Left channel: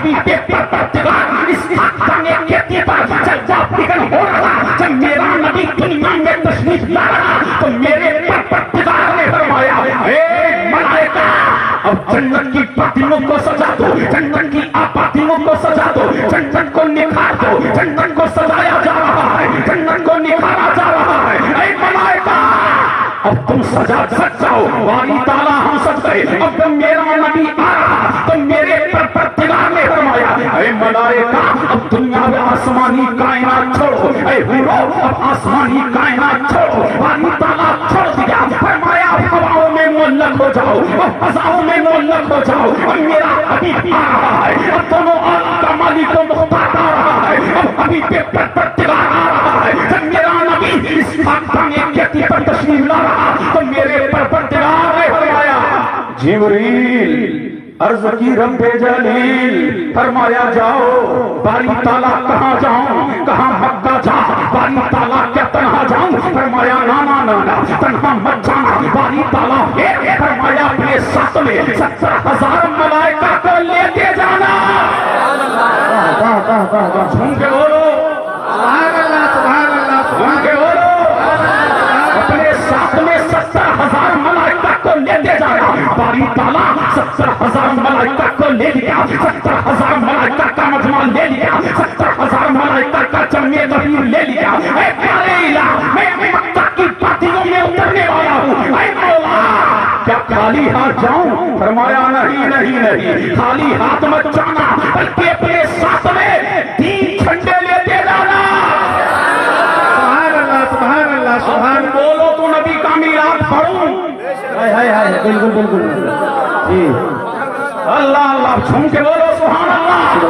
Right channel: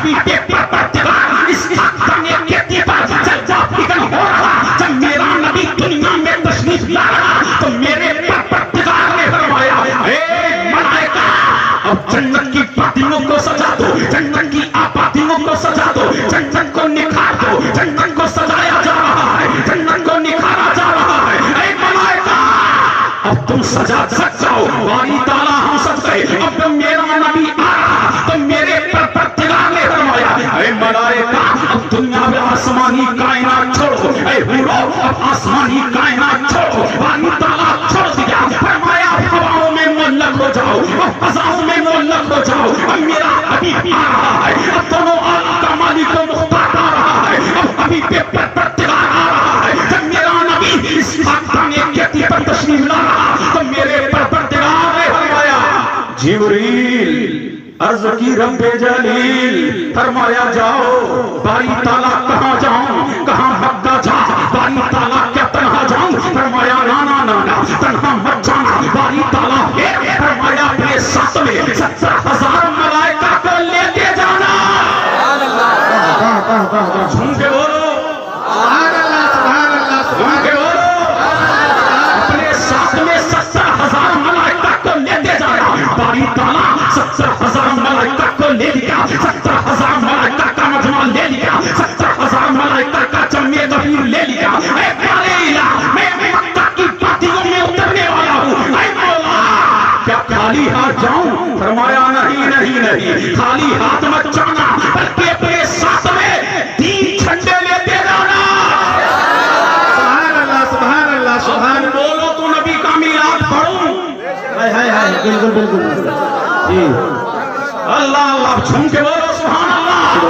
حبیب پروردگار اس کرنے کے اتباع جلوہ فکر ہو رہا جب میرا نبی دنیا میں تشریف لا رہا تو میرے پروردگار نے فرمایا اے ملائکہ اب جنت کی پتیوں کو سجا دو جنت کی آبادیوں کو سجا دو جنت کو نکھار دو جنت کو سجایا جا رہا ہے جنت کو نکھارا جا رہا ہے اے ملائکہ اب تم سجا سک جاؤ باری تعالیٰ ہم سب سے اب جب میرا نبی آ رہا تو میرے پروردگار نے فرمایا اے ملائکہ اب دنیا میں آسمانی کائنات چھوڑو اے حورو اب آسمانی کائنات چھوڑو باری تعالیٰ چھوڑ دیا فرمایا ہواؤں میں معلق ہو جاؤ فضاؤں میں معلق ہو جاؤ اب میرا حبیب آ رہا ہے اب دونوں عالم کا مالک و مختار آ رہا ہے اب حبیب پروردگار آ رہا ہے جب میرا نبی اس خاکدان کہتی پر تشریف لا رہا تو میرے پروردگار نے فرمایا جبریل عرض کی رب جلیل فرمایا جاؤ باری تعالیٰ کہاں جاؤں کہاں مکہ جا باری تعالیٰ کیا تنہا جاؤں فرمایا نا نا نا تنہا مت جانا باری تعالیٰ فرمایا اپنے ساتھ میں 70,000 ملائکہ کو لے کے جانا جھوم کے بولو جھوم کے بولو اپنے ساتھ میں 70,000 ملائکہ کو لے کے جانا باری تعالیٰ 70,000 ملائکہ کو لے لیا 70,000 ملائکہ کا مجمع لے لیا 70,000 ملائکہ کا جمع غفیر لے لیا اے پیارے الہ میں مکہ کی پاتیوں میں اترنے والا ہوں اے مولا کیا خالی ہاتھ جاؤں فرمایا نہیں نہیں نہیں خالی ہاتھ مت جانا بلکہ اپنے ساتھ میں 3 جھنڈے لیتے جانا سبحان اللہ سبحان بولو تو نبی کا میلاد پڑھوں بالکل بالکل جی اللہ اللہ جھوم کے بولو سبحان اللہ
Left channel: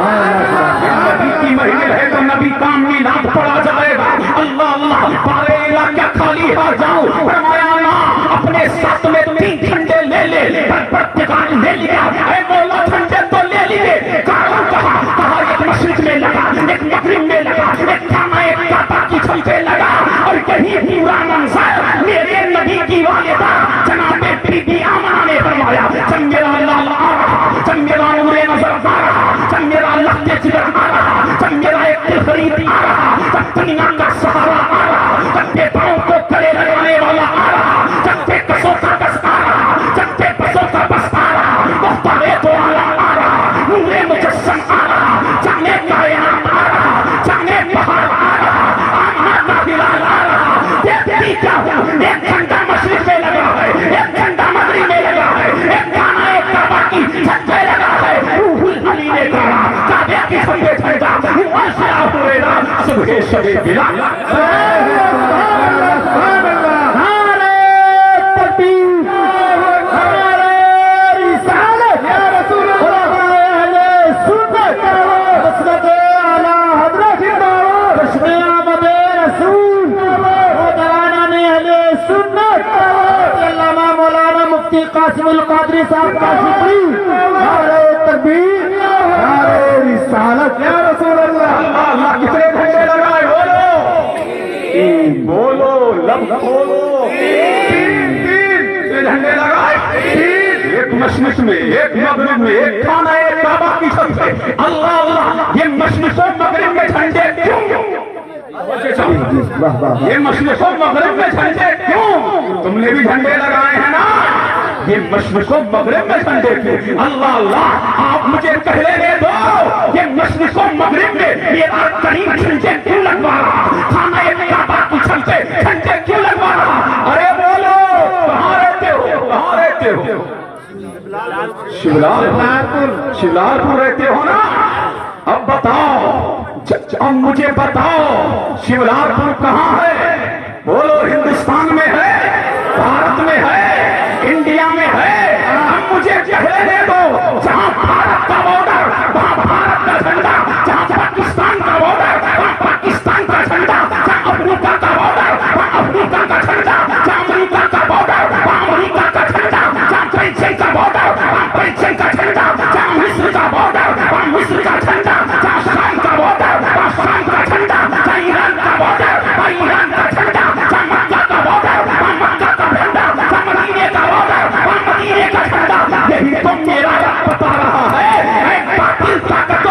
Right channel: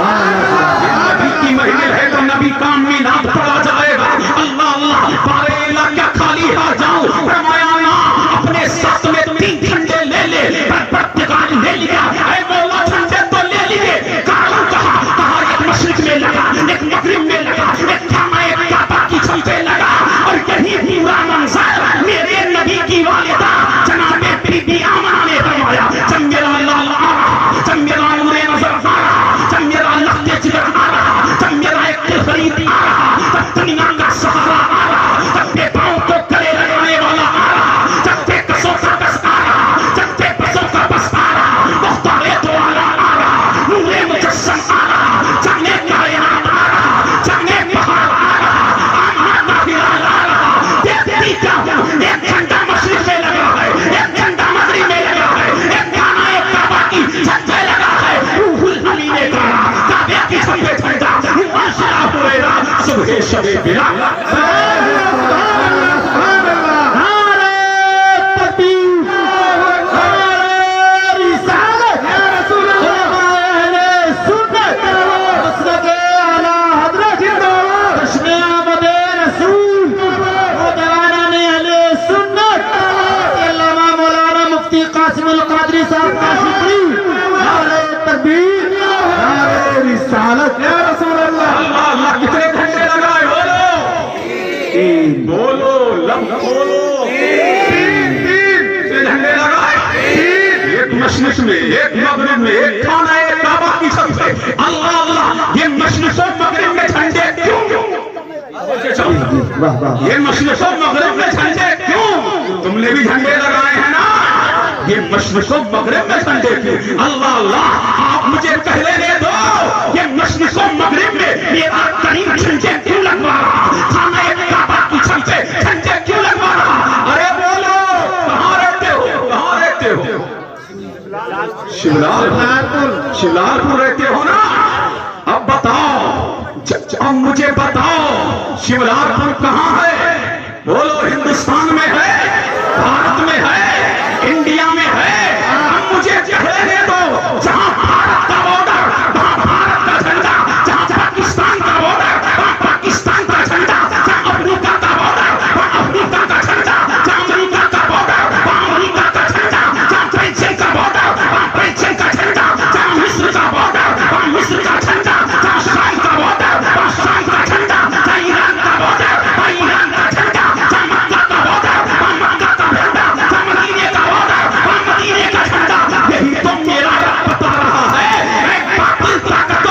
نبی کی محفل ہے تو نبی کا میلاد پڑھا جائے گا اللہ اللہ پارے الہ کیا خالی ہاتھ جاؤں فرمایا نا اپنے ساتھ میں 3 جھنڈے لے لے پروردگار لے لیا اے مولا جھنڈے تو لے لیے کاروں کہا ایک مشرق میں لگا ایک مغرب میں لگا ایک جامع ایک کعبہ کی چھت پہ لگا اور یہی پورا منظر میرے نبی کی والدہ جناب بی بی آمنہ نے فرمایا جب میرا لالا آ رہا جب میرا نور نظر آ رہا جب میرا لخت جگر آ رہا جب میرا ایک دل فرید آ رہا جب دنیا کا سہارا آ رہا جب بے پاؤں کو گلے لگانے والا آ رہا جب بے کسوں کا کس آ رہا جب بے بسوں کا بس آ رہا مختار دو عالم آ رہا نور مجسم آ رہا جانے کائنات آ رہا جانے بہار آ رہا آمنہ کا بلال آ رہا دیکھتی کیا ہوں ایک جھنڈا مشرق میں لگا ہے ایک جھنڈا مغرب میں لگا ہے ایک گانا ایک کعبہ کی چھت پہ لگا ہے روح العلی نے کہا کعبہ کی چھت پہ جھنڈا روح عاشقہ ہوئے صبح شب بلال قاسم القادری صاحب کا شکری نعرہ تکبیر نعرہ رسالت یا رسول اللہ اللہ اللہ کتنے جھنڈے لگائے بولو لب کھولو 3 جھنڈے لگائے ایک مشرق میں ایک مغرب میں ایک خانہ ایک کعبہ کی چھت پہ اللہ اللہ یہ مشرق و مغرب میں جھنڈے کیوں یہ مشرق و مغرب میں جھنڈے کیوں تم نے بھی جھنڈے لگائے ہیں نا یہ مشرق و مغرب میں جھنڈے کیوں اللہ اللہ آپ مجھے کہنے دے دو یہ مشرق و مغرب میں میرا کریم جھنڈے کیوں لگوا رہا خانہ کعبہ کی چھت پہ جھنڈے کیوں لگوا رہا ارے بولو کہاں رہتے ہو شیولار پور رہتے ہو نا اب بتاؤ مجھے بتاؤ شیولار پور کہاں ہے بولو ہندوستان میں ہے بھارت میں ہے انڈیا میں ہے اب مجھے کہنے دو جہاں بھارت کا بارڈر وہاں بھارت کا جھنڈا جہاں پاکستان کا بارڈر وہاں پاکستان کا جھنڈا جہاں افریقہ کا بارڈر وہاں افریقہ کا جھنڈا جہاں امریکہ کا بارڈر وہاں امریکہ کا جھنڈا جہاں بیلجیم کا بارڈر وہاں بیلجیم کا جھنڈا جہاں مصر کا بارڈر وہاں مصر کا جھنڈا جہاں شام کا بارڈر وہاں شام کا جھنڈا جہاں ایران کا بارڈر وہاں ایران کا جھنڈا جہاں مکہ کا بارڈر وہاں مکہ کا جھنڈا جہاں مدینے کا بارڈر وہاں مدینے کا جھنڈا یہی تو میرا رب بتا رہا ہے اے باطل طاقتوں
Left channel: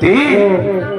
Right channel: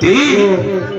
3।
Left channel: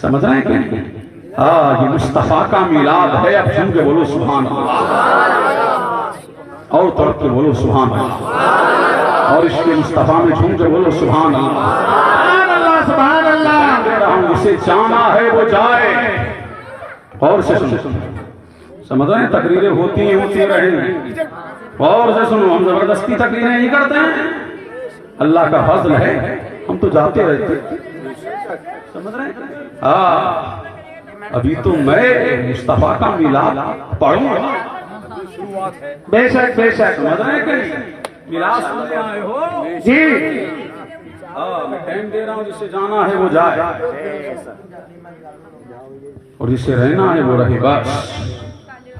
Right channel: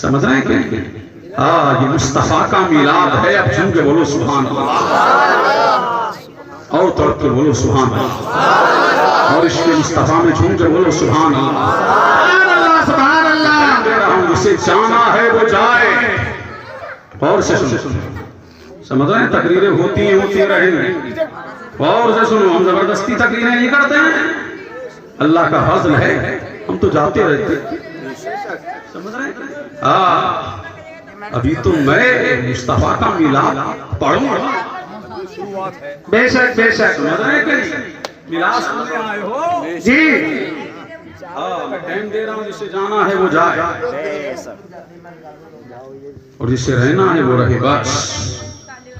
سمجھ رہے ہیں کہ یہ مصطفیٰ کا میلاد ہے. اب جھوم کے بولو سبحان اللہ, اور تڑپ کے بولو سبحان اللہ, اور اس کے مصطفیٰ میں جھوم کے بولو سبحان اللہ. سبحان اللہ. کہہ رہا ہوں جسے جانا ہے وہ جائے. اور سے سنو, سمجھ رہے ہیں, تقریریں ہوتی رہیں. اور سے سنو, ہم زبردستی تقریریں نہیں کرتے ہیں, اللہ کا فضل ہے, ہم تو جاتے رہتے. سمجھ رہے ہیں, ابھی تو میں مصطفیٰ کا میلاد پڑھوں گا. بے شک بے شک. سمجھ رہے ہیں کہ میلاد سننے آئے ہو جی, میں ٹائم دے رہا ہوں, جسے جانا ہے وہ جائے اور جسے رہنا ہے وہ رہے. بس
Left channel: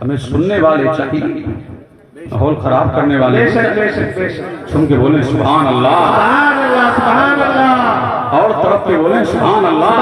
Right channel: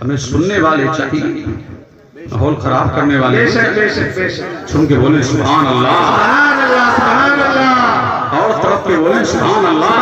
ہمیں سننے والے چاہیے, ماحول خراب کرنے والے. بے شک بے شک بے شک. سن کے بولیں سبحان اللہ, سبحان اللہ سبحان اللہ. اور طرف کے بولیں سبحان اللہ.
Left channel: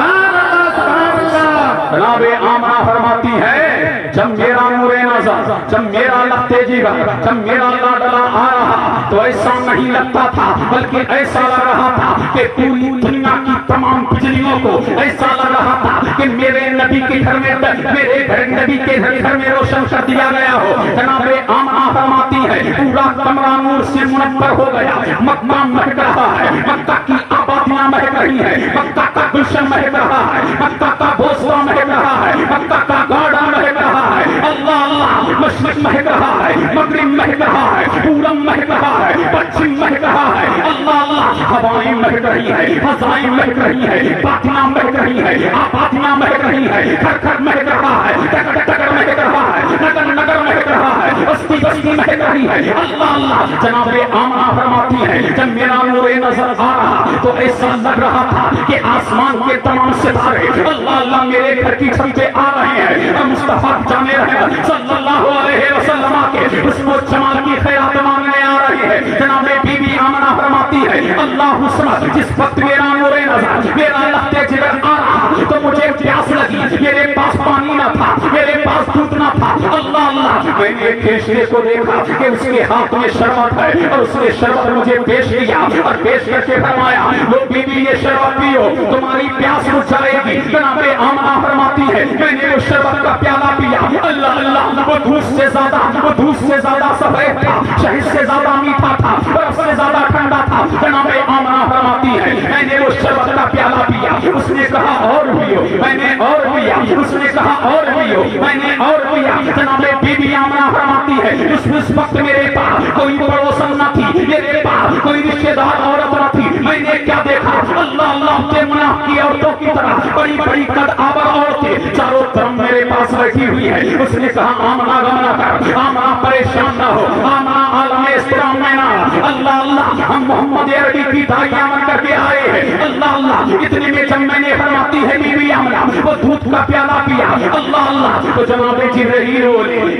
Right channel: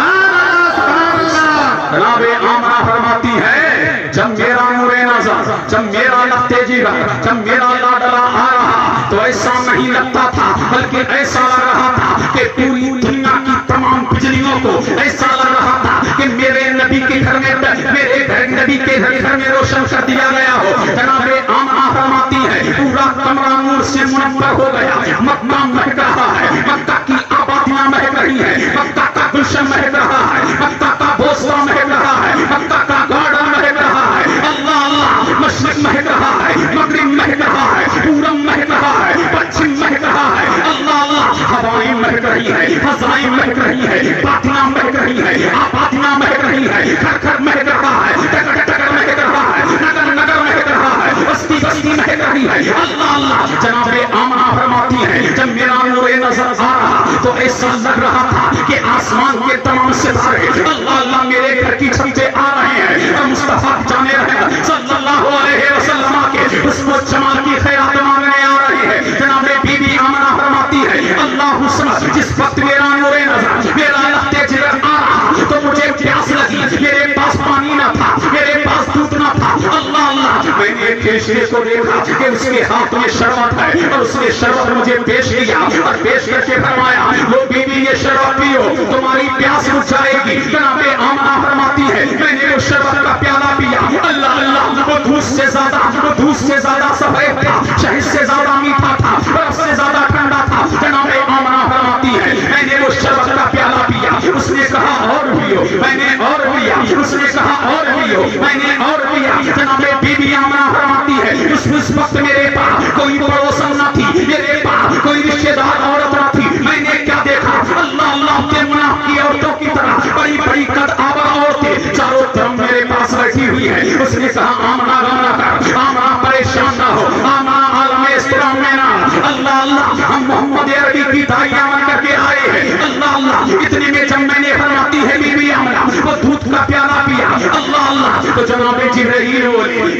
سبحان اللہ. جناب آمنہ فرماتی ہے, جب میرا نور نظر, جب میرا لگتے جگر, جب میرا لاڈلا آ رہا تو ایسا نہیں لگتا تھا, بلکہ ایسا لگ رہا تھا کہ پوری دنیا کی تمام بجلیوں کو ایسا لگ رہا تھا کہ میرے نبی کے گھر میں, میرے نبی کے گھر میں روشن کر دیا گیا ہو. جناب آمنہ فرماتی ہے, پورا کمرہ نور سے منور ہو گیا. مکہ مہک رہا ہے, مکہ کی آبادیاں مہک رہی ہے, مکہ کا گلشن مہک رہا ہے, مکہ کا بوسہ مہک رہا ہے, مکہ کا گارڈن مہک رہا ہے. اللہ اللہ, مشرق مہک رہا ہے, مغرب مہک رہا ہے, پورب مہک رہا ہے, پچھم مہک رہا ہے. اللہ اللہ, ہوائیں مہک رہی ہے, فضائیں مہک رہی ہے, باطناں مہک رہی ہے, آبادیاں مہک رہی ہے, گھر گھر مہک رہا ہے, ٹکر ٹکر مہک رہا ہے, نگر نگر مہک رہا ہے, بستی بستی مہک رہی ہے. اللہ اللہ. جناب آمنہ فرماتی ہے, جب میرا نور نظر آ رہا تو ایسا لگ رہا تھا کہ آسمان کے تمام ستارے اللہ اللہ میرے گھر کی چھت پہ آ رہے ہیں, اور مصطفیٰ جانے رہے صلی اللہ علیہ وسلم کے اس کو جمال کی خیرات مانگنے آ رہے ہیں. جناب بی بی آمنہ فرماتی ہے, اللہ سمجھ, جس وقت میرا نور نظر, میرا لگتے جگر آ رہا تو مجھے پیاس لگی, میرے پاس پانی نہ تھا, میرے پاس دودھ نہ تھا. اللہ اللہ, میں نے کیشے کو دیکھا کہ اس کے ہاتھ میں شربت ہے, اور اس نے شربت مجھے پیش کیا اور پیش کر کے فرمایا, لو بی بی یہ شربت پیو, تمہاری پیاس بجھ جائے گی. جناب آمنہ فرماتی ہے, میں نے وہ شربت کا پیالہ پیا. اللہ اللہ, وہ دودھ سے زیادہ سفید تھا, شہد سے زیادہ میٹھا تھا, برف سے زیادہ ٹھنڈا تھا. جناب آمنہ فرماتی ہے, میں نے وہ شربت کا پیالہ پیا. اس نے کہا اور پیو, میں نے اور پیا. اس نے کہا اور پیو, میں نے اور پیا. جناب بی بی آمنہ فرماتی ہے, اس وقت میرے پاس کوئی پڑوسن نہ تھی, میرے پاس کوئی رشتہ دار عورت نہ تھی. میں نے کیا دیکھا, اللہ اللہ کے مناف کی عورتوں کی طرح بڑی بڑی قد آور عورتیں چاروں طرف میرے پاس بیٹھی ہوئی ہے. اس نے کہا آمنہ غم نہ کر, آمنہ پریشان نہ ہو, آمنہ عالم اسلام میں نہ. اللہ اللہ, ہم محمد عربی کی داعیہ بن کر کے آئے ہیں. اللہ اللہ, اتنے میں جب میں نے فرماتی ہے بی بی آمنہ وہ دودھ کا پیالہ پیا. اللہ اللہ, تو جناب جبرائیل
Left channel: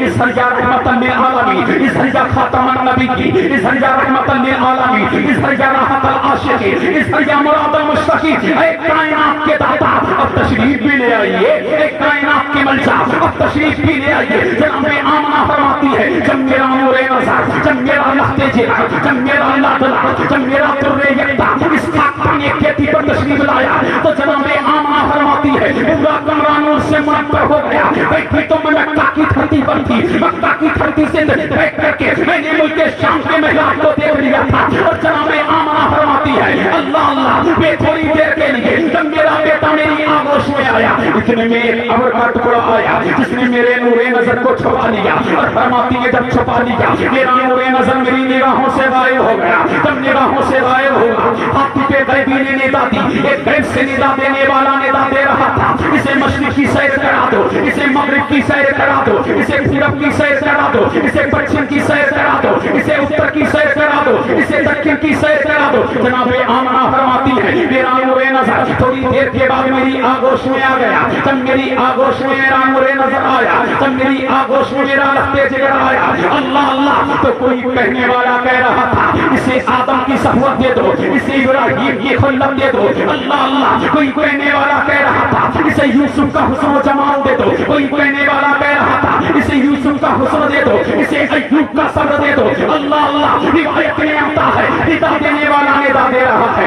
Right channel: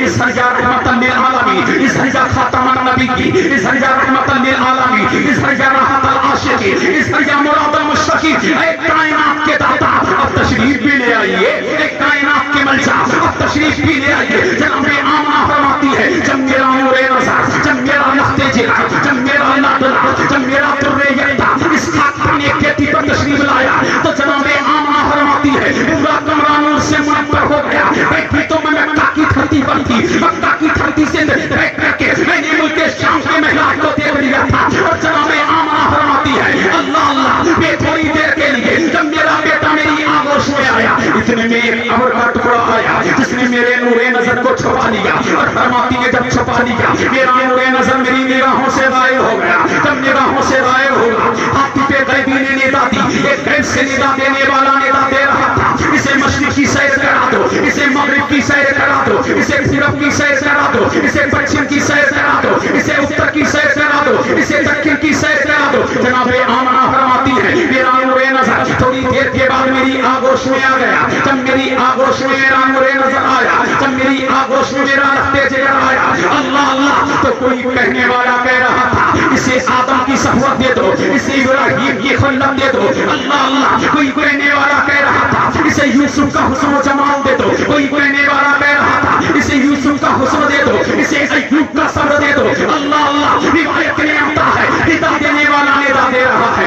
اس درجہ رحمت للعالمین, اس درجہ خاتم النبی کی, اس درجہ رحمت للعالمین, اس درجہ راحت العاشقین, اس درجہ مراد المشتاقین, اے کائنات کے داتا اب تشریف بھی لے آئیے, اے کائنات کے ملجا اب تشریف بھی لے آئیے. جناب آمنہ فرماتی ہے, جب میرا نور نظر, جب میرا لخت جگر, جب میرا لاڈلا, جب میرا در یکتا اس خاک پانے کھیتی پر تشریف لایا تو جناب آمنہ فرماتی ہے, پورا کمرہ نور سے منور ہو گیا. بیٹھی تو میں مکہ کی دھرتی پر تھی, مکہ کی دھرتی سے بیٹھ کر کے میں نے ملک شام کے محراب کو دیکھ لیا تھا. اور جناب آمنہ فرماتی ہے, اللہ اللہ, میں تھوڑی دیر کے لیے جب میرا بیٹا میری آغوش میں آیا, اتنے میں ایک ابر کا ٹکڑا آیا جس نے میرے نور نظر کو چھپا لیا. اور فرماتی ہے, جب چھپا لیا میرا نور نظر میری نگاہوں سے غائب ہو گیا. جب نگاہوں سے غائب ہو گیا, ہاتھی پہ غیبی نے ندا دی, ایک غیب سے ندا دینے والا ندا دے رہا تھا, اسے مشرق کی سیر کرا دو, اسے مغرب کی سیر کرا دو, اسے پورب کی سیر کرا دو, اسے پچھم کی سیر کرا دو, اسے اتر کی سیر کرا دو, اسے دکن کی سیر کرا دو. جناب آمنہ فرماتی ہے, میرا نور نظر تھوڑی دیر کے بعد میری آغوش میں آ گیا. جب میری آغوش میں میرا نور نظر آیا, جب میری آغوش میں میرا لختے جگر آیا, اللہ اللہ, تو کوئی کہنے والا کہہ رہا تھا, اسے آدم کی صحبت دے دو, اسے ابراہیم کی خلت دے دو. اللہ اللہ, کوئی کہنے والا کہہ رہا تھا, اسے یوسف کا حسن و جمال دے دو. کوئی کہنے والا کہہ رہا تھا, اسے یوسف کا حسن دے دو, اسے ایوب کا صبر دے دو. اللہ اللہ, روایت میں آتا ہے, ندا دینے والا ندا دے رہا ہے.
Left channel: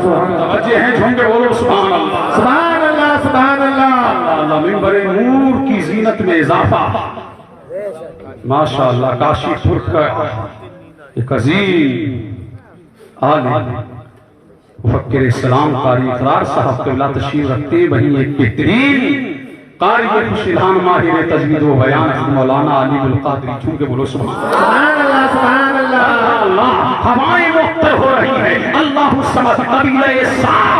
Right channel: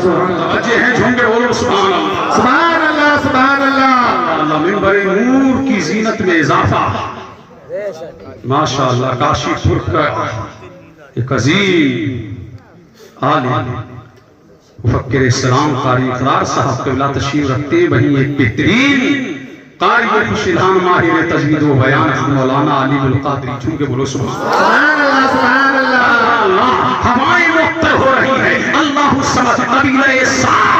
سبحان اللہ توجہ ہیں جھوم کے بولو سبحان اللہ سبحان اللہ سبحان اللہ اللہ ممبر نور کی زینت میں اضافہ ماشاءاللہ کاشی پور کا ایک عظیم عالم مفکر اسلام قاری اقرار صاحب قبلہ تشریف رکھتے وہیں ایک بہترین قاری خوش الہام ماہر تجوید و بیان مولانا علی القادری جھوم کے بولو سبحان اللہ سبحان اللہ اللہ ہوائیں مختر ہو رہی ہے اللہ سمجھ قبیلہ سعد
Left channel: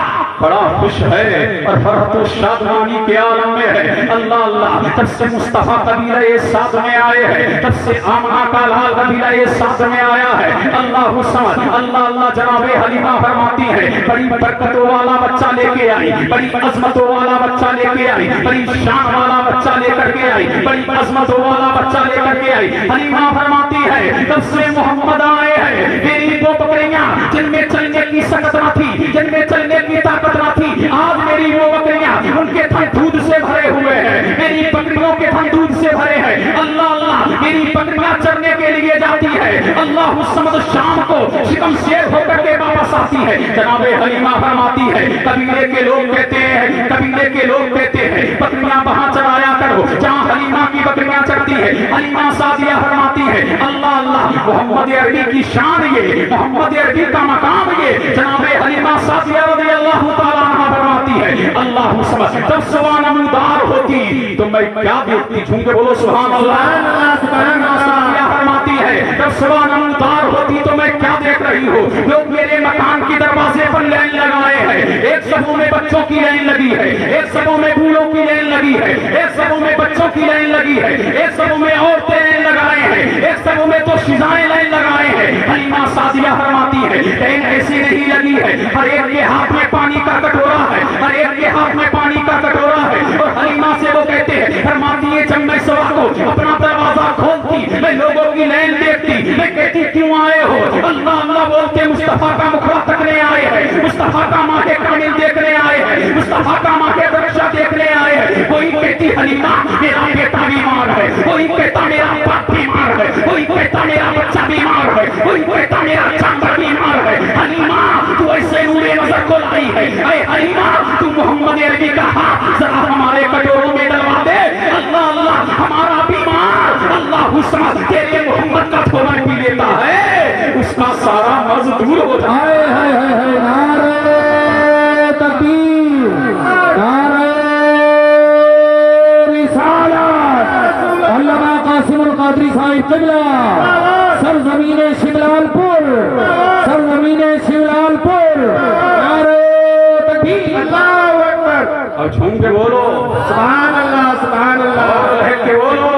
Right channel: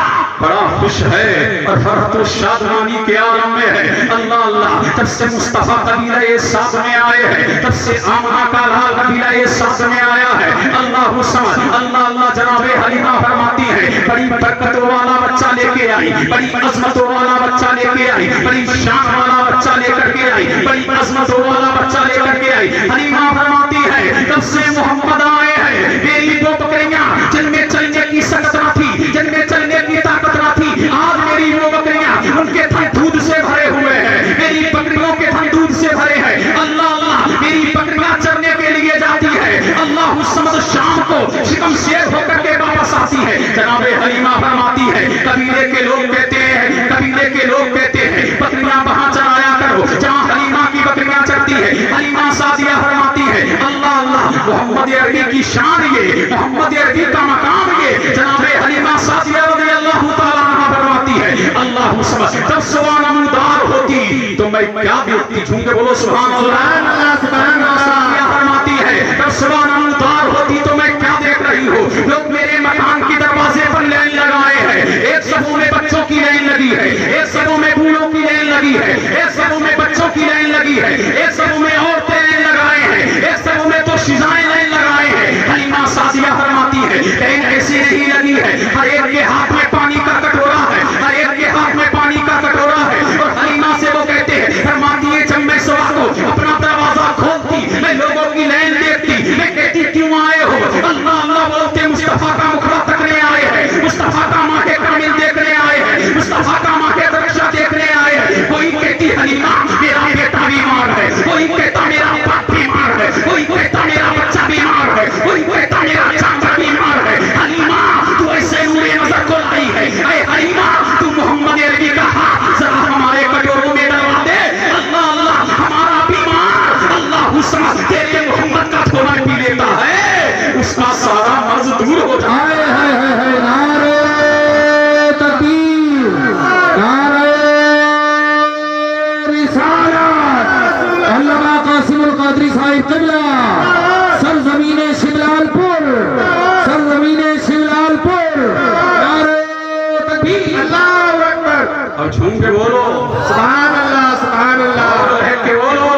بڑا خوش ہے اور فرحت و شادمانی کے عالم میں ہے اللہ اللہ تب سے مصطفیٰ قبیلہ سعد میں آئے ہیں تب سے آمنہ کا لال قبیلہ سعد میں آیا ہے اللہ سمجھ اللہ اللہ جناب حلیمہ فرماتی ہے بڑی برکتوں والا بچہ لے کے آئی بڑی عظمتوں والا بچہ لے کے آئی بڑی شان والا بچہ لے کر کے آئی بڑی عظمتوں والا بچہ لے کر کے آئی حلیمہ فرماتی ہے تب سے محمد آئے ہیں میری دو بکریاں جن میں چلنے کی سکت نہ تھی جن میں چلنے کی طاقت نہ تھی آج میری وہ بکریاں ان کے تھن دودھ سے بھرے ہوئے ہیں میری بکریوں کے تھن دودھ سے بھرے ہیں اللہ اللہ میری بکریاں چرنے کے لیے جاتی ہے اللہ سمجھ شام کو شکم شیر ہو کر کے واپس آتی ہے جناب حلیمہ فرماتی ہے قبیلے کے لوگ کہتے ہیں قبیلے کے لوگ کہتے ہیں بکریاں وہاں چرایا کرو جہاں حلیمہ کی بکریاں چرتی ہے حلیمہ سعدیہ فرماتی ہے اللہ اللہ محمد عربی کی شان یہ محمد عربی کا مقام یہ جناب حلیمہ سعدیہ رضی اللہ تعالیٰ عنہ فرماتی ہے اللہ سمجھ جب سوان نمودار ہوتی تو میں کیا دیکھتی جھوم کے بولو سبحان اللہ سبحان اللہ فرماتی ہے جب سوان نمودار ہوتی تو میں کیا دیکھ رہی ہوں لوگ میرے مکان کی دروازے پر لین لگائے ہیں ایک سبوں میں بچوں کی لین لگی ہے ایک سبوں میں بوڑھوں کی لین لگی ہے ایک سبوں میں بچوں کی لین لگی ہے ایک سبوں میں عورتیں لین لگائے ہیں ایک سبوں میں تو شیزائیں لین لگائے ہیں حلیمہ سعدیہ فرماتی ہے لین ایسی نہیں لگی ہے ہر ایک کے ہاتھ میں پانی کا کٹورا ہے ہر ایک کے ہاتھ میں پانی کا کٹورا ہے اور حلیمہ سے وہ کہتے ہیں فرماتی ہے جب میں صبح کو اپنا دروازہ کھولتی میں لوگوں کی لین دیکھتی میں کہتی کیوں آئے ہو اللہ اللہ بولتے مصطفیٰ کا مکھڑا تکنے آئے ہیں مصطفیٰ کا ماہ کامل دیکھنے آئے ہیں مصطفیٰ کا ماہ درشہ دیکھنے آئے ہیں کوئی کہتی حلیمہ میرا بیٹا بیمار ہے کوئی کہتا میرا باپ بیمار ہے کوئی کہتا میرا بچہ بیمار ہے کوئی کہتا میرا چاچا بیمار ہے حلیمہ تو ایسے نورے نظر کو لائی ہے اے حلیمہ تو محمد عربی کا ہاتھ ذرا ہمارے کٹوروں میں ڈلوا دے اللہ اللہ ہمارا بیمار اللہ سمجھ تیرے محمد کا تھوڑا پی لیتا ہے اس کا سارا مرض دور ہو جائے نعرہ تکبیر نعرہ رسالت علامہ قاسم القادری صاحب قبلہ سرزمین شملال پور سرزمین شملال پور نعرہ تکبیر اللہ اکبر اور جھوم کے بولو سبحان اللہ سبحان اللہ اور رہ کے بولو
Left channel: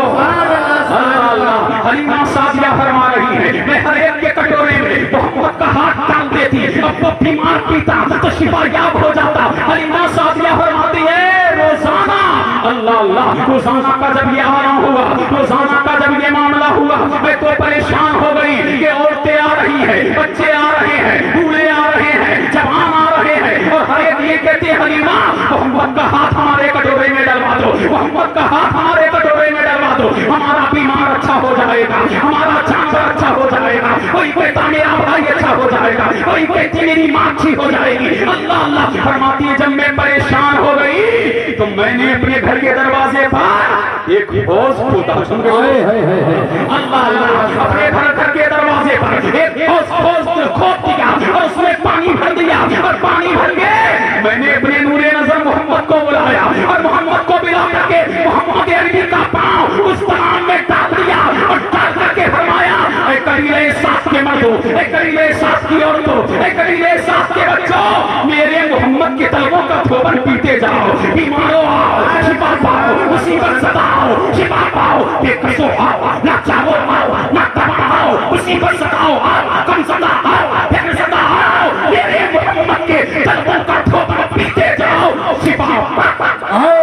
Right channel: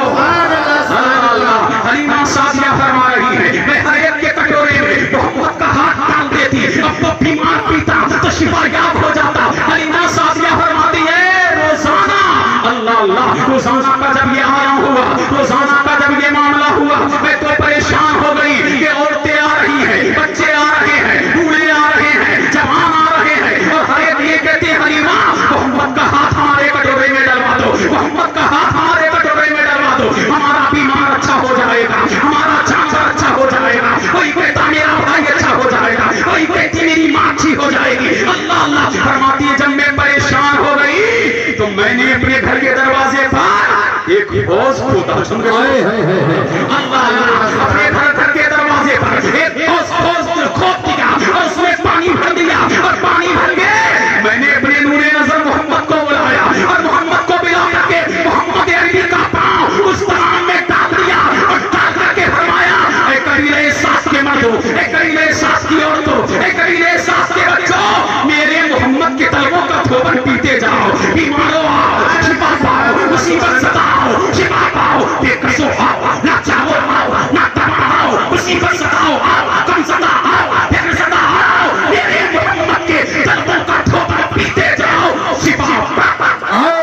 حلیمہ سعدیہ فرما رہی ہے میں ہر ایک کے کٹورے میں محمد کا ہاتھ ڈال دیتی اب وہ بیمار پیتا تو شفا یاب ہو جاتا حلیمہ سعدیہ فرماتی ہے روزانہ اللہ اللہ روزانہ کا جب یہ آرام ہوا روزانہ کا جب یہ معاملہ ہوا میں تو پریشان ہو گئی کہ عورتیں آ رہی ہیں بچے آ رہے ہیں بوڑھے آ رہے ہیں جوان آ رہے ہیں اور ہر ایک یہ کہتے ہیں حلیمہ محمد کا ہاتھ ہمارے کٹورے میں ڈلوا دو محمد کا ہاتھ ہمارے کٹورے میں ڈلوا دو ہمارا بیمار اچھا ہو جائے گا ہمارا چاچا اچھا ہو جائے گا کوئی کہتا میرا بھائی اچھا ہو جائے گا کوئی کہتی میری ماں اچھی ہو جائے گی اللہ اللہ فرماتی ہے جب میں پریشان ہو گئی تو میں نے اپنے گھر کے دروازے پر ایک حوض کھودا اللہ اللہ اپنے گھر کے دروازے پر ایک حوض کھود دیا اور اس میں پانی بھر دیا اور پانی بھر گئے میں نے اپنے نور نظر محمد کو بلایا اور محمد کو بلا کر کے محمد عربی کا پاؤں اس پانی میں ڈال دیا اور ڈال کر کے فرمایا اے قبیلہ سعد کے مردوں اے قبیلہ سعد کی عورتوں اے قبیلہ سعد کے بچوں میرے محمد کے طلبوں کا تھوبن پیتے جاؤ بیماروں آؤ شفا پاؤ مصیبت زدہ آؤ شفا پاؤ بے قصو آؤ نہ چاہو آؤ نہ تباہ آؤ مصیبت زدہ آؤ کم زدہ آؤ پھر زدہ آؤ میرے محمد کے طلبوں کا تھوبن پیتے جاؤ شفا پاؤ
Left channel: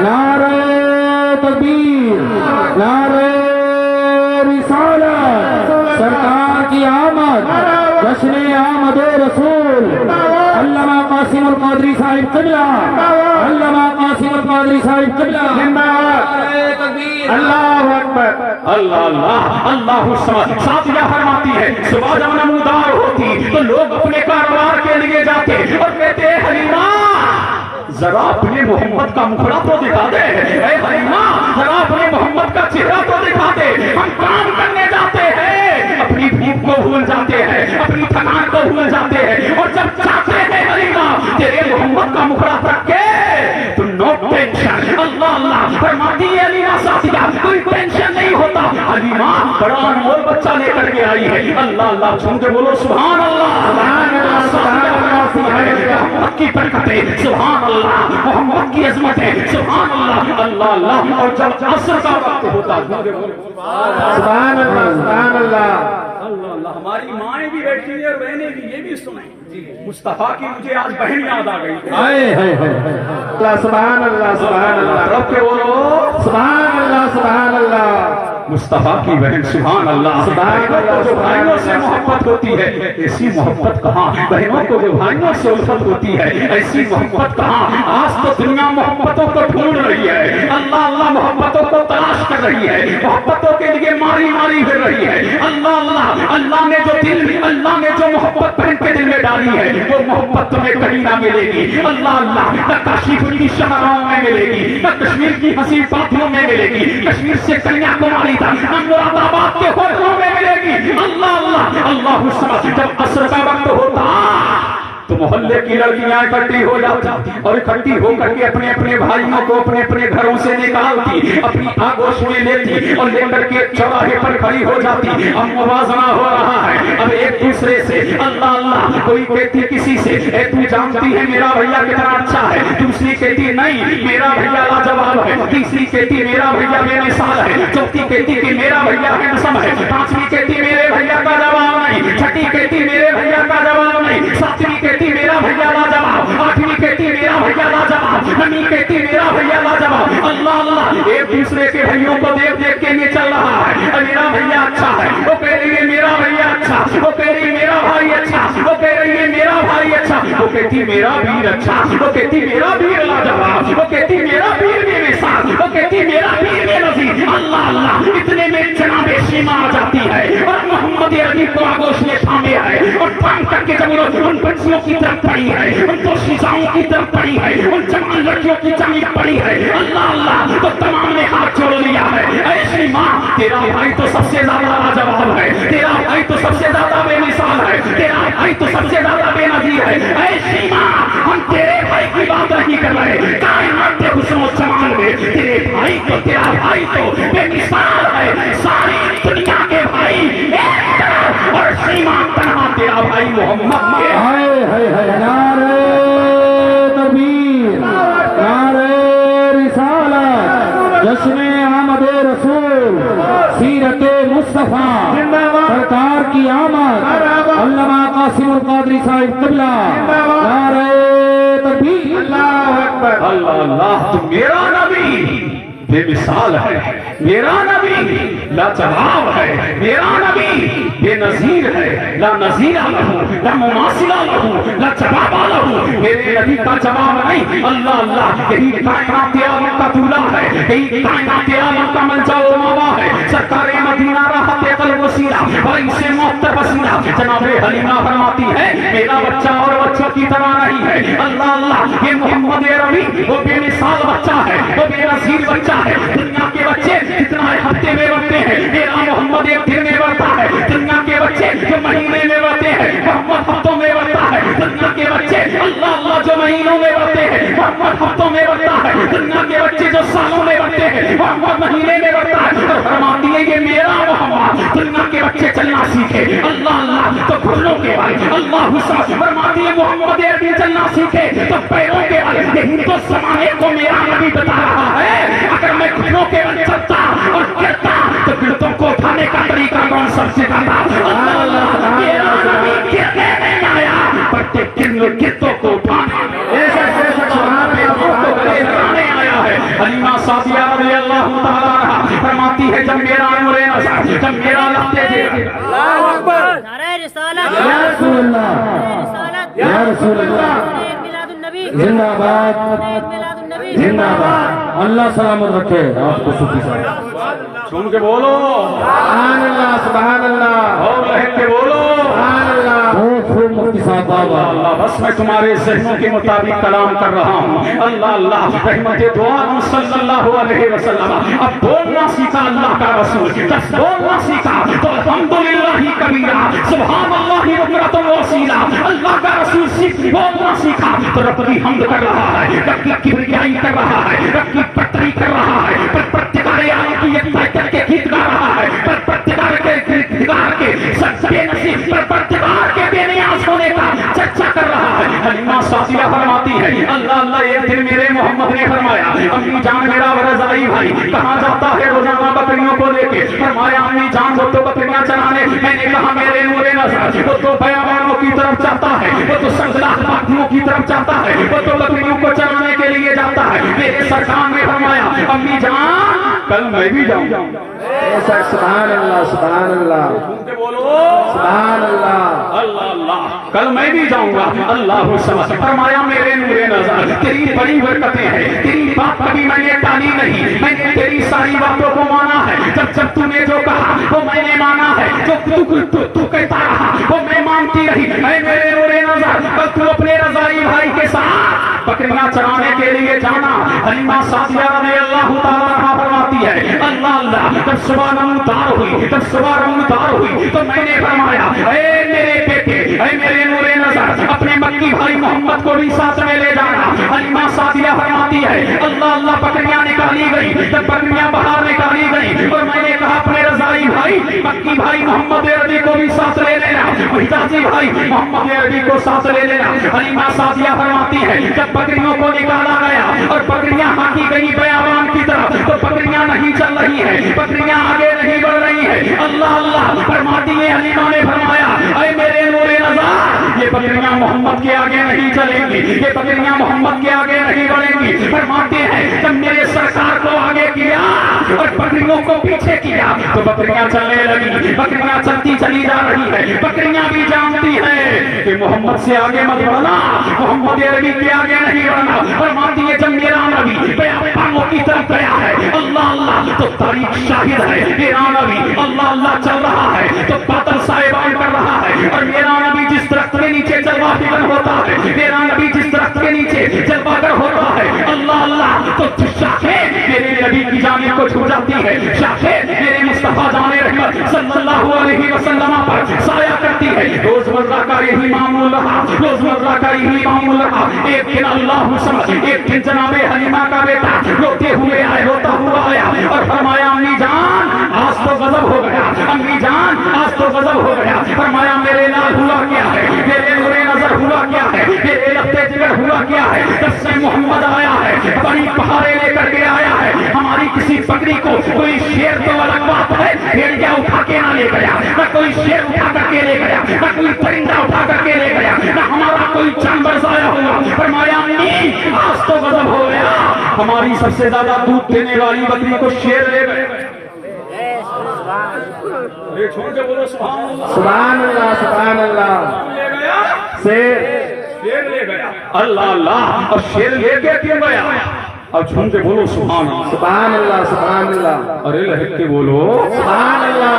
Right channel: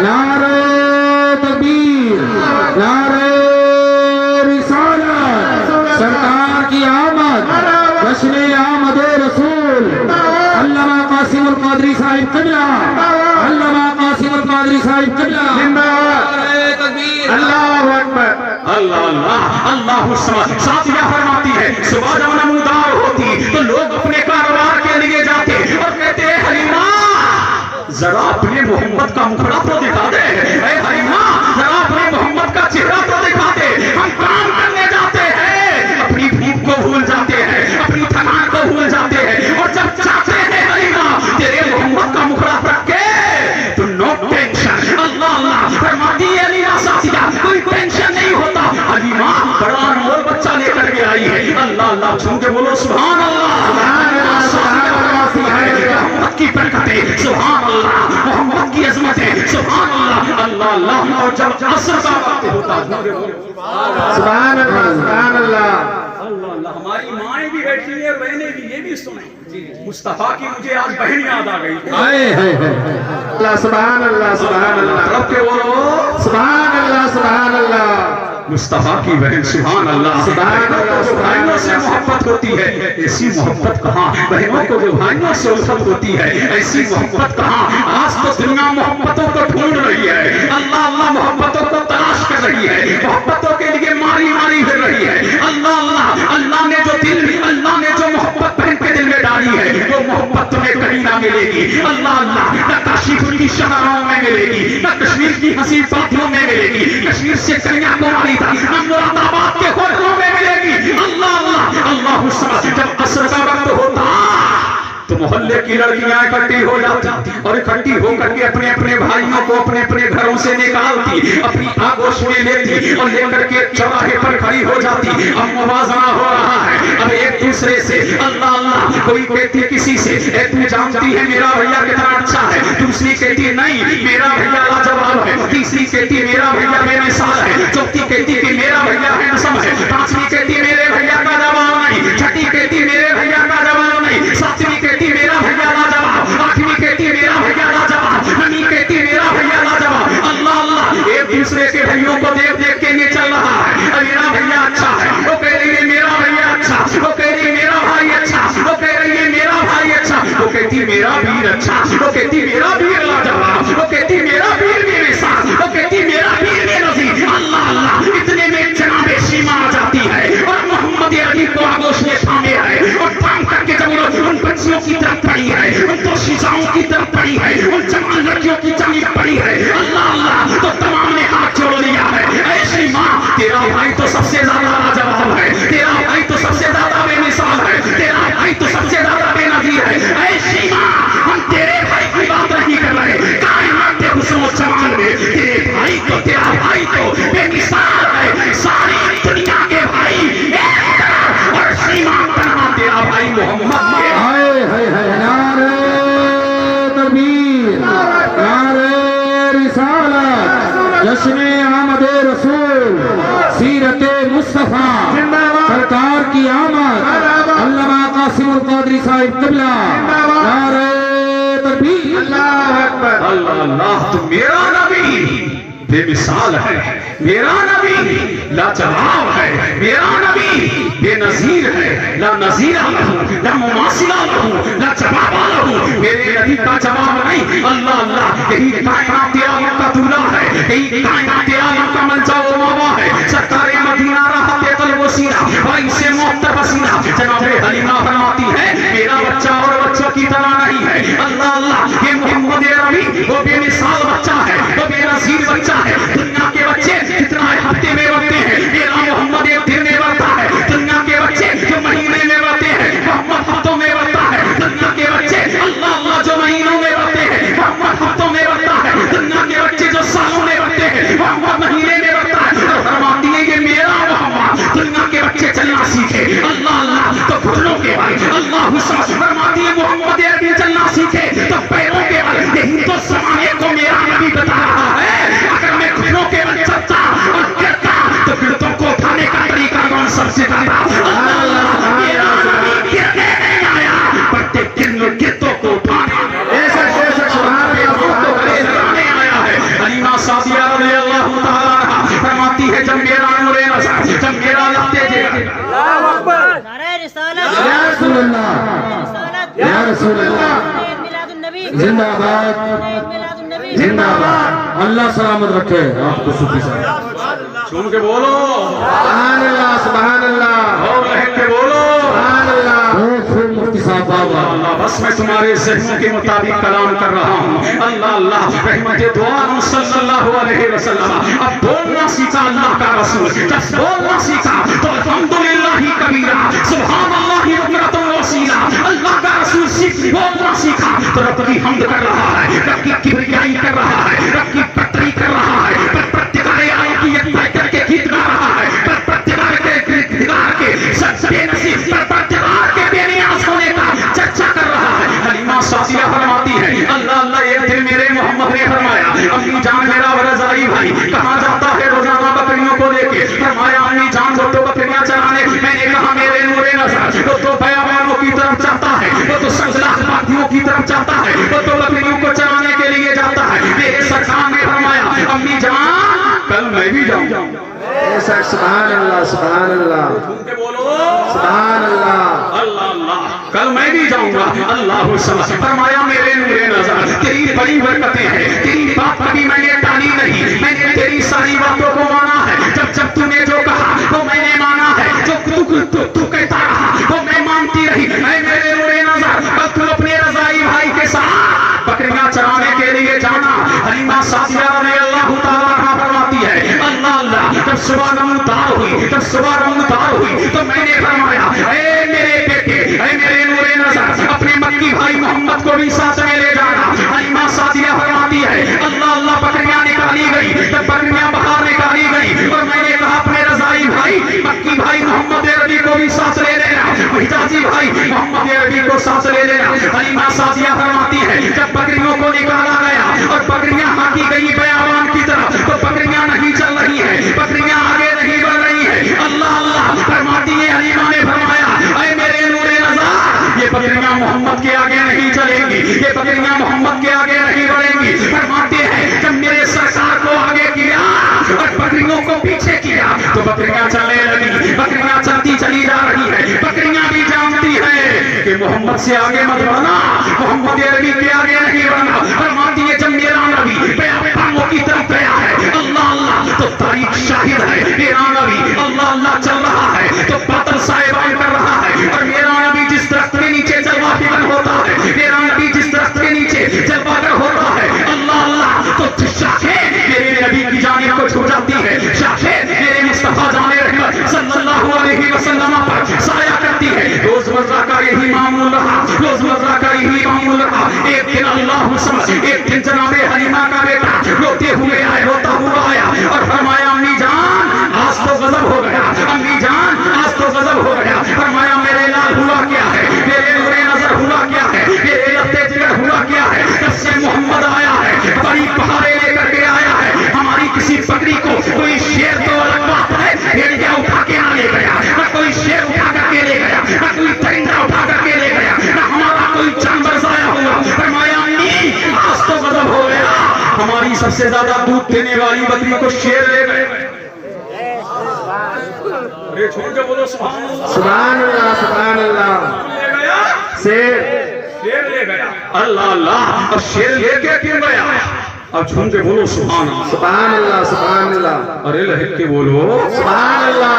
نعرہ تکبیر نعرہ رسالت سرکار کی آمد جشن آمد رسول علامہ قاسم القادری صاحب قبلہ علامہ قاسم القادری صاحب قبلہ نعرہ تکبیر اللہ اکبر اللہ اللہ اللہ سعدیہ فرماتی ہے صبح جب نمودار ہوتی تو لوگ اپنے کاروبار کے لیے لے جاتے اور کہتے ہیں حلیمہ ذرا اپنے محمد کا مکھڑا تو دکھا دے، اے حلیمہ ذرا اپنے محمد کا چہرہ تو دکھا دے، ہم کام کرنے جاتے ہیں اپنی بھوک کو بھول جاتے ہیں، اپنی تھکان کو بھول جاتے ہیں، اور جب چاہتے ہیں حلیمہ تیرے محمد کا مکھڑا تک کے تو نو ٹینشن، اللہ اللہ فرماتی ہے حلیمہ ساتھیہ کوئی ٹینشن نہیں ہوتا، حلیمہ بڑا انمول بچہ لے کر کے آئی ہے، اللہ اللہ چھو کے بولو سبحان اللہ، سبحان اللہ، محمد کی برکتیں سبحان اللہ، محمد کی عظمتیں سبحان اللہ، اللہ اللہ، اور جب عصر کا وقت ہوتا سبحان اللہ سبحان اللہ اللہ اللہ، ہماری مائیں بھی بیٹھی ہیں اور بہنیں بھی، یہ بھی سنیں مصطفیٰ کی مجھے آج بہن یاد آ گئی، اللہ سبحان اللہ سبحان اللہ رب کے بولو سبحان اللہ سبحان اللہ مصطفیٰ کی بہن سبحان اللہ، سبحان اللہ، جو بھائیوں سے محبت ہوتی ہے ایسی محبت کہاں، بہنوں کو جو بھائیوں سے الفت ہوتی ہے ایسی محبت کہاں، آج تو دنیا محبتوں کو ڈھونڈ رہی ہے، اللہ اللہ محبتوں کو تلاش کر رہی ہے، محبتوں کے لیے ماری ماری پھر رہی ہے، اللہ اللہ، اللہ نے جو دل، اللہ نے جو محبت بہن کے دل میں ڈالی ہے وہ محبت تمہیں کہیں نہ ملے گی، اللہ اللہ، نہ کاشی کی شہراؤں میں ملے گی، نہ کشمیر کی حسین وادیوں میں ملے گی، کشمیر سے کنیا کماری ہم مراد آباد کے خوروں میں ملے گی، اللہ اللہ اللہ سمجھ، جب عصر کا وقت ہوتا تو محلے کی لڑکیاں اکٹھی ہو جاتی اور اکٹھی ہو کر کے اپنے اپنے بھائیوں کو اپنے اپنے گھروں سے نکالتی، اپنی آگوش میں لیتی اور لے کر کے چوراہے پر کھڑی ہو جاتی، اب موازنہ ہو رہا ہے اب ایک دوسرے سے، اللہ اللہ، کوئی کہتی کسی سے اے تو جانتی ہے میرا بھیا کتنا اچھا ہے، دوسری کہتی نہیں میرا بھیا لاجواب ہے، تیسری کہتی میرا بھیا بے مثال ہے، چوتھی کہتی کہ میرا بھیا ہینڈسم ہے، پانچویں کہتی میرے بھیا کا جواب نہیں، چھٹی کہتی میرے بھیا کا جواب نہیں، ساتویں کہتی میرا بھیا لاجواب، آٹھویں کہتی میرا بھیا لاجواب، نویں کہتی میرا بھیا لاجواب، اللہ اللہ، ایک دوسرے کے بھائیوں کو دیکھ دیکھ کے یہ چل رہا ہے، میرا بھیا اچھا ہے، وہ کہہ رہی ہے میرا بھیا اچھا، وہ کہہ رہی ہے میرا بھائی اچھا، وہ کہہ رہی ہے میرا بھائی اچھا، وہ کہتی میرا ویر اچھا، وہ کہتی میرا ویر لاجواب، وہ کہتی میرا ویر بے مثال، وہ کہتی میرا ویر بے نظیر، اللہ اللہ، اتنے میں جناب شیما آ جاتی ہے اور محمد عربی کو آگوش میں تھامے ہے اور تھام کر کے جب ان بچیوں کی طرف پڑی ہے، ان دو شیزاؤں کی طرف پڑی ہے، ان جوان لڑکیوں کی جانب پڑی ہے، اللہ اللہ، تو تمام نے ہاتھ جوڑ لیا ہے، اے شیما تیرا بھائی تو سب سے زیادہ لاجواب ہے، تیرا بھائی تو سب سے زیادہ بے مثال ہے، تیرا بھائی تو سب سے زیادہ بے نظیر ہے، اے شیما ہم تیرے بھائی کی بات نہیں کر رہے، کائنات کے حسن و جمال میں تیرے بھائی کو، تیرا بھائی تو بے مثال ہے، ساری دنیا کے بھائی ایک طرف اور شیما تنہا تیرا بھائی محمد میں ہائے ہائے ہائے نعرہ تکبیر نعرہ رسالت جشن آمد رسول سیرت مصطفیٰ سرکار کی آمد علامہ قاسم القادری صاحب قبلہ نعرہ تکبیر اللہ اکبر اللہ اللہ، تو میرا نبی بے مثال ہے، میرا نبی لاجواب ہے، میرا نبی بے نظیر ہے، لا نظیر لہو لا مماثل لہو لا جواب لہو، میرے نبی کا جواب نہیں، اللہ اللہ، یہی کائنات عالم کا دولہ ہے، یہی کائنات عالم کا منجا و موا ہے، سرکار مدینہ راحت قلب و سینہ بھائی سے محتب سینہ، جناب حلیمہ فرماتی ہے میرا بچہ اور بچوں کی طرح نہیں ہے، اللہ اللہ، یہ محمد عربی وہ بے مثال بچہ ہے، وہ بے نظیر بچہ ہے، دنیا کے بچے جتنا ہفتے میں بڑھتے ہیں میرا محمد ایک دن میں بڑھتا ہے، دنیا کے بچے جو مہینے میں بڑھتے ہیں محمد ہفتوں میں بڑھتا ہے، دنیا کے بچے اللہ اللہ جو مہینوں میں بڑھتے ہیں محمد ہفتوں میں بڑھتا ہے، دنیا کے بچے جو سالوں میں بڑھتے ہیں محمد مہینے میں بڑھتا ہے، اور فرماتی ہے یہ میرا محمد، دنیا کے بچے چلنا سیکھے اللہ اللہ تو گھٹنوں کے بل، اللہ حسن فرماتی ہے محمد عربی چلنا سیکھے تو پیروں کے بل، یہی تو زمانے کو میرا نبی بتا رہا ہے، اگر میں گھٹنوں کے بل چلتا اور کرتا تو گردوں کو اٹھانے کا طریقہ کون سب سے بتا، اللہ اللہ، میرا نبی گرنے نہیں آیا بڑھتے گردوں کو اٹھانے آیا ہے، حلیمہ سعدیہ رضی اللہ تعالیٰ عنہا فرماتی ہے جب میرا نور نظر، جب میرا لگتے تھے اللہ اکبر، نعرہ رسالت، یا رسول اللہ یا رسول اللہ میلاد النبی زندہ باد میلاد النبی زندہ باد، اللہ سلامت رکھے آپ کو صوفی صاحب، سن کے بولو سبحان اللہ سبحان اللہ اور لہک کے بولو خوب مفتی صاحب بابا اللہ بس میں تمہارے ذہنوں کے مطابق کلام کر رہا ہوں. اللہ اللہ رحمت دو عالم صلی اللہ علیہ وسلم. اب بولنا سیکھا اللہ کا رسول, جب بولنا سیکھا تو الحمدللہ کبیرہ سبحان اللہ بکرۃ واسیلہ. اللہ کا رسول بولنا سیکھا تو رب کی حمد کر رہا ہے, رب کی کبریائی کر رہا ہے, رب کی پتری کر رہا ہے, پروردگار عالم کی یکتائی کر کے گیت گا رہا ہے, پروردگار کے سب بے نصیب پروردگار کے بے نیاز ہونے کا چرچا کر رہا ہے. حلیمہ سعدیہ فرماتی ہے اللہ اللہ ایک دن میرے محمد نے فرمایا امی جان میرا رضائی بھائی کہاں جاتا ہے روزانہ بکریوں کو لے کے. فرمایا امی جان وہ تو بکریاں چرانے. میں نے کہا میرے نور نظر وہ تو بیابانوں کی طرف جاتا ہے, وہ تو سنگلاخ باغیوں کی طرف جاتا ہے, وہ تو بکریوں کو چرانے کے لیے جاتا ہے. میرے سرکار نے فرمایا امی جان کل میں بھی جاؤں گا. سبحان اللہ سبحان اللہ جھوم کے بولو سبحان اللہ اللہ اللہ کل میں بھی جاؤں گا. اللہ سمجھ فرمایا میرے نور نظر تیری بڑی برکتیں ہیں, تیری بات کبھی میں نے ٹالی نہیں, میں نے تیری ساری باتوں کو مانا ہے. جب جب تو نے جو کہا وہ میں نے مانا ہے, جو تو کہتا رہا وہ میں مانتی رہی. اے میرے نور نظر کل تو اپنے رضائی بھائی کے ساتھ بکریاں چرانے کے لیے جانا. حلیمہ سعدیہ رضی اللہ تعالیٰ عنہا فرماتی ہے اللہ اللہ جب صبح نمودار ہوئی تو میں نے فرمایا اے میرے بیٹے اے میرے نور نظر اپنے مکی بھائی محمد کو بھی ساتھ میں لے جانا. حلیمہ سعدیہ فرماتی ہے اللہ اللہ بکریاں نکالی گئی, جب بکریاں باہر نکالی گئی اور میں نے کہا اپنے رضائی بھائی مکی بھائی محمد عربی کو بھی ساتھ لے لینا, حجازی بھائی محمد عربی کو ساتھ لے لینا. حلیمہ سعدیہ فرماتی ہے جب بکریوں کو نکالا گیا اور بکریاں ہاکی گئی بیابان کی طرف تو بکریاں نہیں چل رہی ہیں, بکریاں آگے نہیں بڑھ رہی ہیں. اللہ اللہ فرماتی ہے حلیمہ نے فرمایا اے میرے نور نظر یہ بکریاں محمد کے آگے نہیں چلیں گی, یہ بکریاں محمد کے آگے نہیں بڑھیں گی. فرماتے ہیں جب میرے سرکار کو آگے کیا اور بکریوں کو پیچھے کیا تو بکریاں چلنے لگی, بکریاں چلتی چلی جا رہی ہے. بکریاں بھی جانتی ہے کہ محمد سے آگے مت بڑھنا, محمد عربی کے آگے نہیں بڑھنا. فرماتی ہے جب میرا نبی بیابانوں کی طرف گیا ہے اللہ اللہ تو تاریخ شاہد ہے میرا نبی اللہ اللہ چل رہا ہے تو بادل صاحبان کر رہا ہے. اور میرا نبی جس درخت کے نیچے جلوہ فکر ہوتا ہے, میرا نبی جس درخت کے نیچے جلوہ گر ہوتا ہے اللہ اللہ تو شاخیں میرے نبی کی جانب کو چھو جاتی ہے, شاخیں میرے مصطفیٰ جان رحمت صلی اللہ علیہ وسلم پر سایہ کرتی ہے. روز مرہ کا یہی معمول رہا, روز مرہ کا یہی معمول رہا. ایک دن اللہ سمجھ ایک دن جناب حلیمہ کا بیٹا روتے ہوئے آئے, روتا ہوا آیا اور فرمایا امی جان آج تو غضب ہو گیا, امی جان آج تو غضب ہو گیا. فرمایا میرے لال ہوا کیا ہے, میرے نور نظر ہوا کیا ہے, میرے لگتے جگر ہوا کیا ہے. جب سے محمد آیا ہے بڑی پہاڑے لے کر کے آیا ہے, ہماری کسی بکری کو کوئی شیر تو الگ بات ہے بھیڑیا اٹھا کے نہ لے گیا, نہ کوئی شیر اٹھا کر کے لے گیا, نہ کوئی پرندہ اٹھا کر کے لے گیا, نہ ہمارا کوئی جانور ضائع ہوا. فرمایا امی آج تو غضب ہو گیا, ہماری سب سے زیادہ دودھ دینے والی بکری کو شیر لے گئے. ارے جھوم کے بولو سبحان اللہ سبحان اللہ سبحان اللہ لے گیا شیر لے گیا. اللہ اللہ اب شیر لے کے کیوں گیا, اب جھوم کے بولو سبحان اللہ سبحان اللہ سبحان اللہ ارے لہک کے بولو سبحان اللہ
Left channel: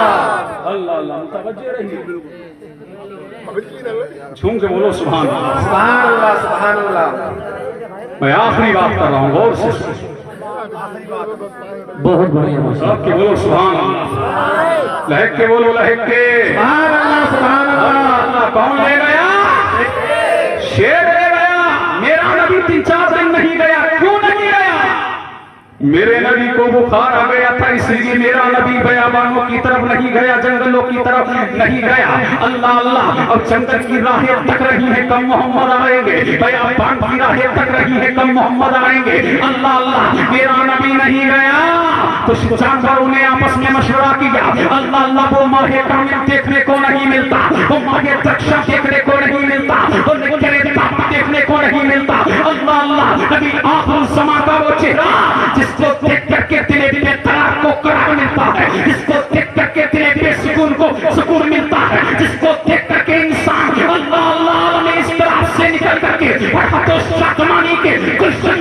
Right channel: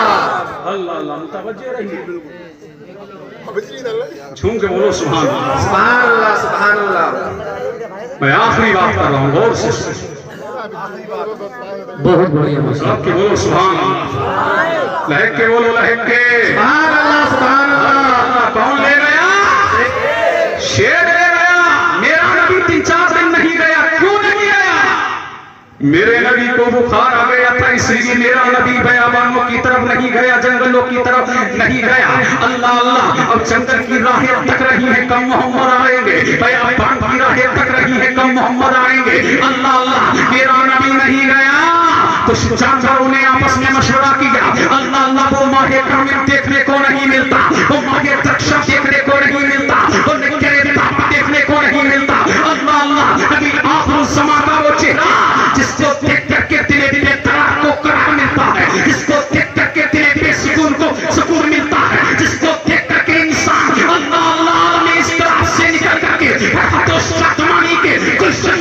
اللہ اللہ متوجہ رہیے جھوم کے بولو سبحان اللہ. سبحان اللہ سبحان اللہ. میں آخری بات کر رہا ہوں غور سے بہت بڑھیا سب کے بولو سبحان اللہ, لہک کے بولو لہک کے. سبحان اللہ سبحان اللہ. کون لے گیا, شیر لے گیا. میرا نبی 3-4 دن نہیں گیا, کیوں نہیں گیا, میرے نبی کو بخار آ گیا تھا اس لیے میرا نبی بیابانوں کی طرف نہیں گیا, جنگلوں کی طرف نہیں گیا. اللہ اللہ اب جنگل کی راہیں تک رہی ہیں کم محمد آئیں گے, بیابان کی راہیں تک رہی ہیں کم محمد آئیں گے. اللہ اللہ میرا نبی نہیں گیا تو جانوروں نے آپس میں مشورہ کیا. اللہ اللہ وہ ماہ کامل دیکھنے کو نہیں ملتا, وہ ماہ درخشاں دیکھنے کو نہیں ملتا, وہ نکرے تاپ دیکھنے کو نہیں ملتا. اللہ اللہ نبی آخر الزمان کا وہ چہرہ جس کو دیکھ کر کے دل بے قرار کو قرار ملتا ہے, جس کو دیکھ کر کے دل بے سکون کو سکون ملتا ہے, جس کو دیکھ کر کے انسان اللہ اللہ عالم اس طرح سے نکل کر کے رحمت و شادمانی کے گلشن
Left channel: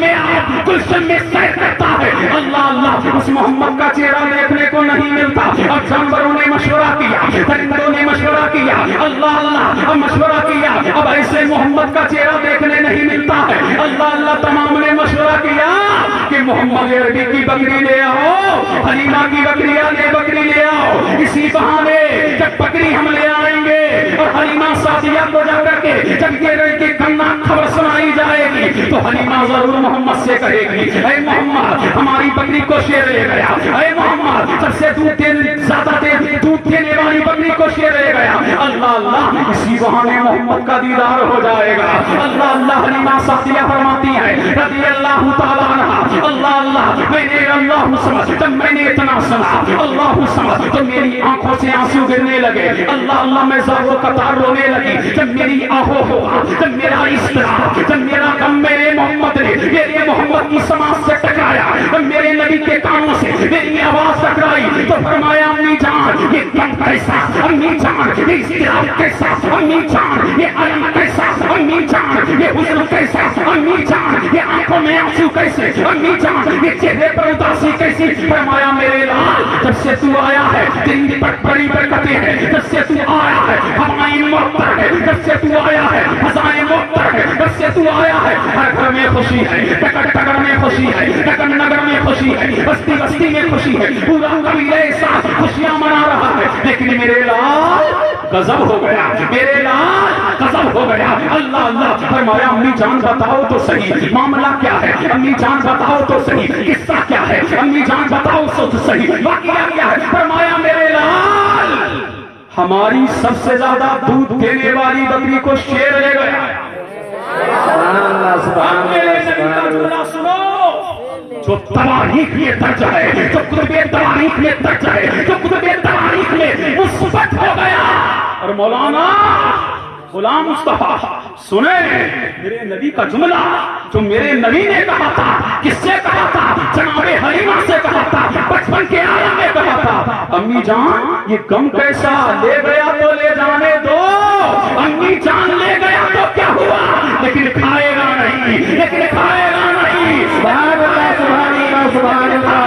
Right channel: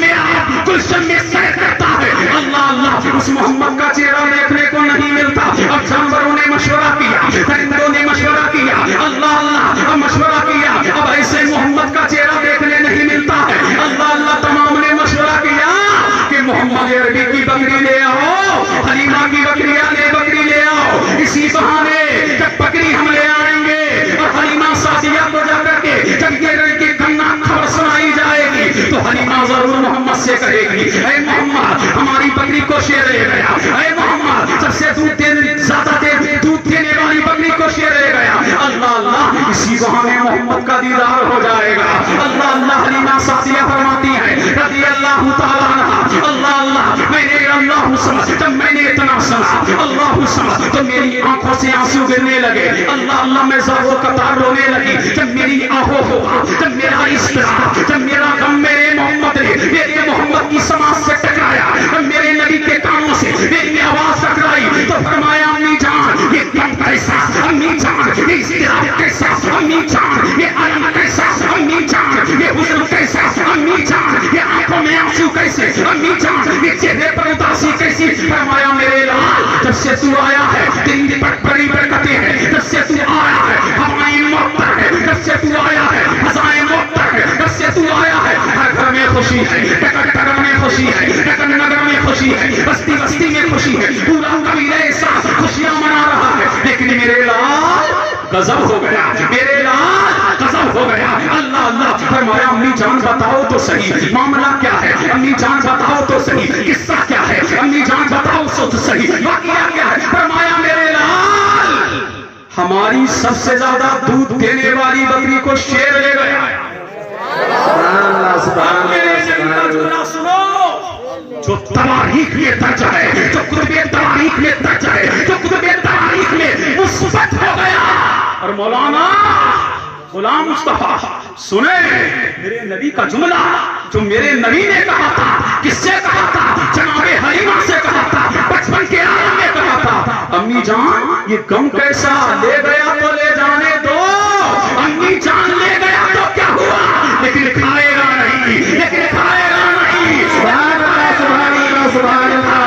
میں سیر کرتا ہے. اللہ اللہ اس محمد کا چہرہ دیکھنے کو نہیں نہیں ملتا. اب جانوروں نے مشورہ کیا, درندوں نے مشورہ کیا, اللہ اللہ مشورہ کیا, اب ایسے محمد کا چہرہ دیکھنے نہیں ملتا ہے. اللہ اللہ تمام نے مشورہ کیا کہ محمد عربی کی بکری لے آؤ, حلیمہ کی بکری لے آؤ. اسی بہانے جب بکری ہم لے آئیں گے اور حلیمہ سعدیہ کو جا کر کے جب یہ کی کنا خبر سنائی جائے گی تو حلیمہ ضرور محمد سے کہے گی, اے محمد ہماری بکری کو شیر لے گیا, اے محمد سب سے زیادہ دودھ دینے والی بکری کو شیر لے گیا. اللہ اللہ اسی بہانے محمد کا دیدار ہو جائے گا. اللہ اللہ حلیمہ سعدیہ فرماتی ہے رضی اللہ تعالیٰ عنہ, اللہ اللہ میں نے اللہ سمجھ, جب میں نے اتنا سنا اللہ سمجھ تو میری آنکھوں سے آنسو گرنے لگے. اللہ اللہ میں ضرور قطار رونے لگی جب میری آہو ہوا, جب میرا اضطراب, جب میرا غم میرے محمد نے میرے محمد کی سماعت سے ٹکرایا, جب میرے نبی کے کانوں سے میری آواز ٹکرائی تو فرمایا امی جان یہ غم کیسا, امی جان یہ اضطراب کیسا, امی جان یہ الم کیسا, امی جان یہ حزن کیسا, امی جان یہ آنکھوں میں آنسو کیسے, امی جان یہ چہرے پر اداسی کیسی. فرمایا میرے لال جب سے تو آیا ہے تیری بڑی برکتیں ہیں, جب سے تو آیا ہے ہوائیں معطر ہے, جب سے تو آیا ہے فضائیں معطر ہے, جب سے تو آیا ہے ہر گھر میں خوشی ہے, ٹکر ٹکر میں خوشی ہے, ٹکر نگر میں خوشی ہے, بستی بستی میں خوشی ہے, پورا قبیلہ ساتھ خوشیاں منا رہا ہے. لیکن میرے لال غضب ہو گیا, میرے لال غضب ہو گیا. اللہ اللہ فرمایا امی جان بتاؤ تو صحیح معاملہ کیا ہے, امی جان بتاؤ تو صحیح قصہ کیا ہے, امی جان بتاؤ تو صحیح واقعہ کیا ہے. فرمایا میرے لال ہماری سب سے زیادہ دودھ دینے والی بکری کو شیر لے گیا. اب میرے نبی کا جملہ سنو جو تواریخ میں درج ہے, جو کتب تواریخ میں درج ہے, جو کتب تواریخ میں مثبت ہو گیا. اور مولانا غلام مصطفیٰ سنے میرے نبی کا جملہ جو میرے نبی نے کہا تھا, کس سے کہا تھا, جناب حلیمہ سے کہا تھا, بچپن کے عالم میں کہا تھا. امی جان یہ غم کیسا, لے گیا تو لے جانے دو, امی جان لے گیا تو کیا ہوا, لیکن کھائے گا نہیں, لیکن کھائے گا نہیں. سبحان اللہ سبحان اللہ سبحان اللہ.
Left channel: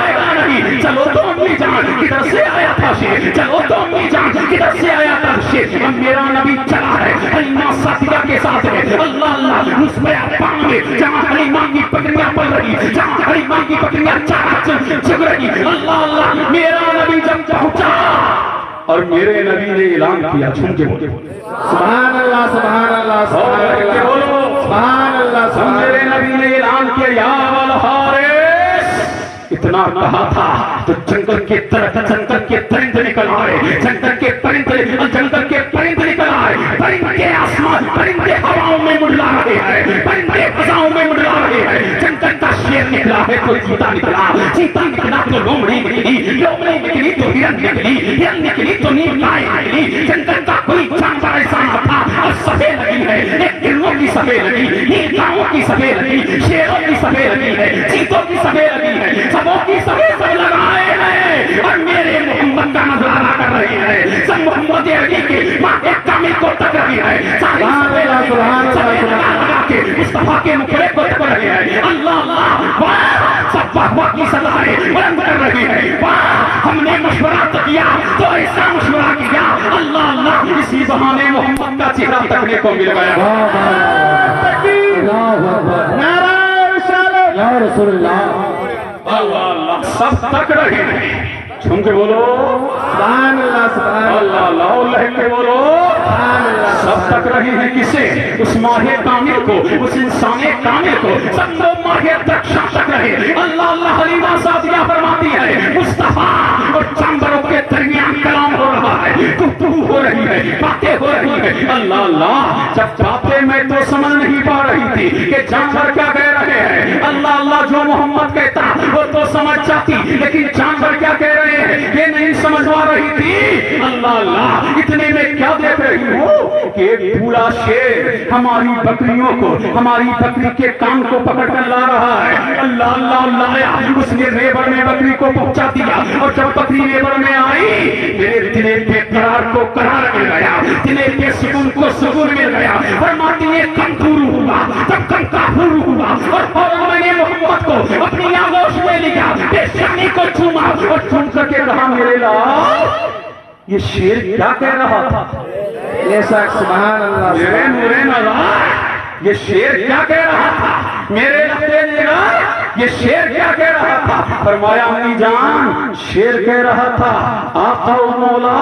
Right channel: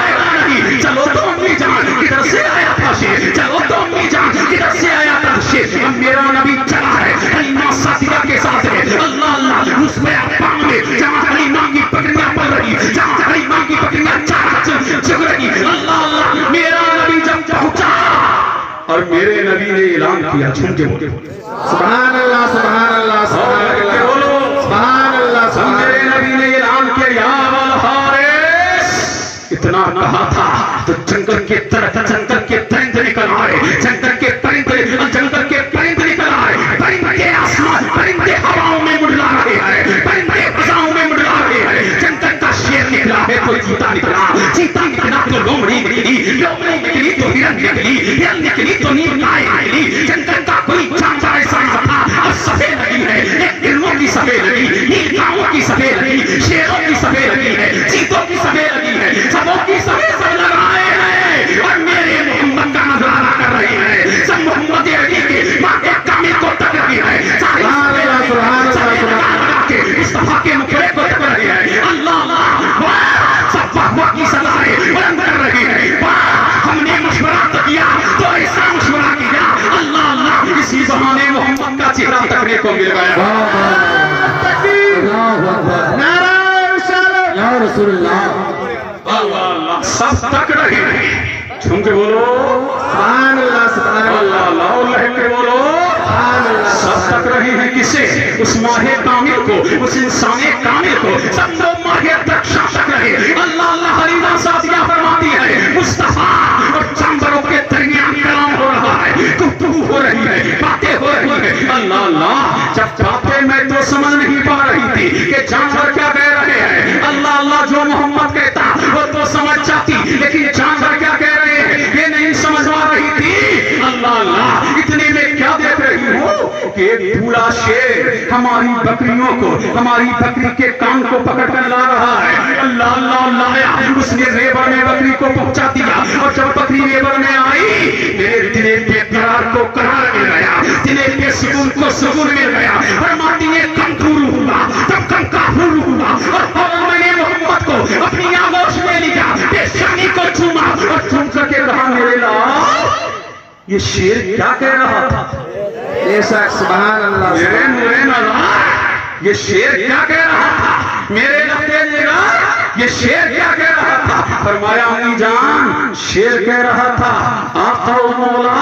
چلو تو امی جان کدھر سے آیا تھا شیر, چلو تو امی جان کدھر سے آیا تھا شیر. اب میرا نبی چلا ہے حلیمہ سعدیہ کے ساتھ ہے. اللہ اللہ اس میں اقام میں جہاں حلیمہ کی بکریاں پل رہی, جہاں حلیمہ کی بکریاں چگ رہی. اللہ اللہ میرا نبی جب پہنچا اور میرے نبی نے اعلان کیا, جھوم کے بولو سبحان اللہ سبحان اللہ سبحان اللہ بولو سبحان اللہ. میرے نبی نے اعلان کیا یا والحارث, اتنا کہا تھا تو جنگل کے طرف جنگل کے پرندے نکل آئے, جنگل کے پرندے نکل آئے. پرندے آسمان, پرندے ہواؤں میں مڈلا رہے ہیں, پرندے فضاؤں میں مڈلا رہے ہیں. جنگل کا شیر نکلا ہے تو چیتا نکلا, چیتا نکلا تو لومڑی نکلی, لومڑی نکلی تو ہرن نکلی, ہرن نکلی تو نیل گائے نکلی. جنگل کا کوئی جانور ایسا نہ تھا. اب سفید لگی ہے, ایک ہرنوں کی سفید لگی, نیل گاؤں کی سفید لگی, شیروں کی سفید لگی ہے, چیتوں کی سفید لگی ہے, سبوں کی سفید سب لگائے ہیں اور میرے محمد کا نظارہ کر رہے ہیں. سب محمد علی کے ماں کامل کو تک رہی ہے, مصطفیٰ کے مکھڑے کو تک رہی ہے. اللہ اللہ سب واہ کی سزائیں بلند کر رہی ہے. ہم نے مشورہ کیا تو ایسا مشورہ کیا, اللہ اللہ اسی بہانے محمد کا چہرہ تکنے کو مل گیا. نعرہ رسالت یا رسول اللہ. اللہ اللہ سب تک رہے ہیں, جھوم کے بولو سبحان اللہ سبحان اللہ اللہ, اللہ کے بولو سب تک رہے ہیں. کسے, اس ماہ کامل کو, اس انسان کامل کو, سب لوگ ماہ رکشا تک رہے. اللہ اللہ حلیمہ سعدیہ فرماتی ہے مصطفیٰ اور جانوروں کے درمیان کلام ہو رہا ہے, گفتگو ہو رہی ہے, باتیں ہو رہی ہے. اللہ اللہ جب باتیں میں تو سمجھ نہیں پا رہی تھی کہ جانور کیا کہہ رہے ہیں. اللہ اللہ جو محمد کہتا وہ تو سمجھ جاتی, لیکن جانور کیا کہہ رہے ہیں یہ نہیں سمجھ پا رہی تھی. اللہ اللہ اتنے میں کیا دیکھ رہی ہوں کہ ایک بوڑھا شیر ہماری بکریوں کو, ہماری بکری کے کان کو پکڑ کر لا رہا ہے. اللہ اللہ لایا, اس نے ریبر میں بکری کو پہنچا دیا, اور جب بکری ریبر میں آئی میرے دل کے قرار کو قرار مل گیا, دل کے سکون کو سکون مل گیا. فرماتی ہے کم پھولو ہوا, تب کم کا پھولو ہوا, اور فوراً میں نے محمد کو اپنی آغوش میں لیا, بے شرمی کو چوما اور چوم کر کر کے کہا میرے لال یہ شیر کیا کہہ رہا تھا؟ بے شک سبحان اللہ میرے نورے نظر یہ شیر کیا کہہ رہا تھا؟ میرے لفتے جگہ یہ شیر کیا کہہ رہا تھا؟ فرمایا امی جان شیر کہہ رہا تھا آقا و مولا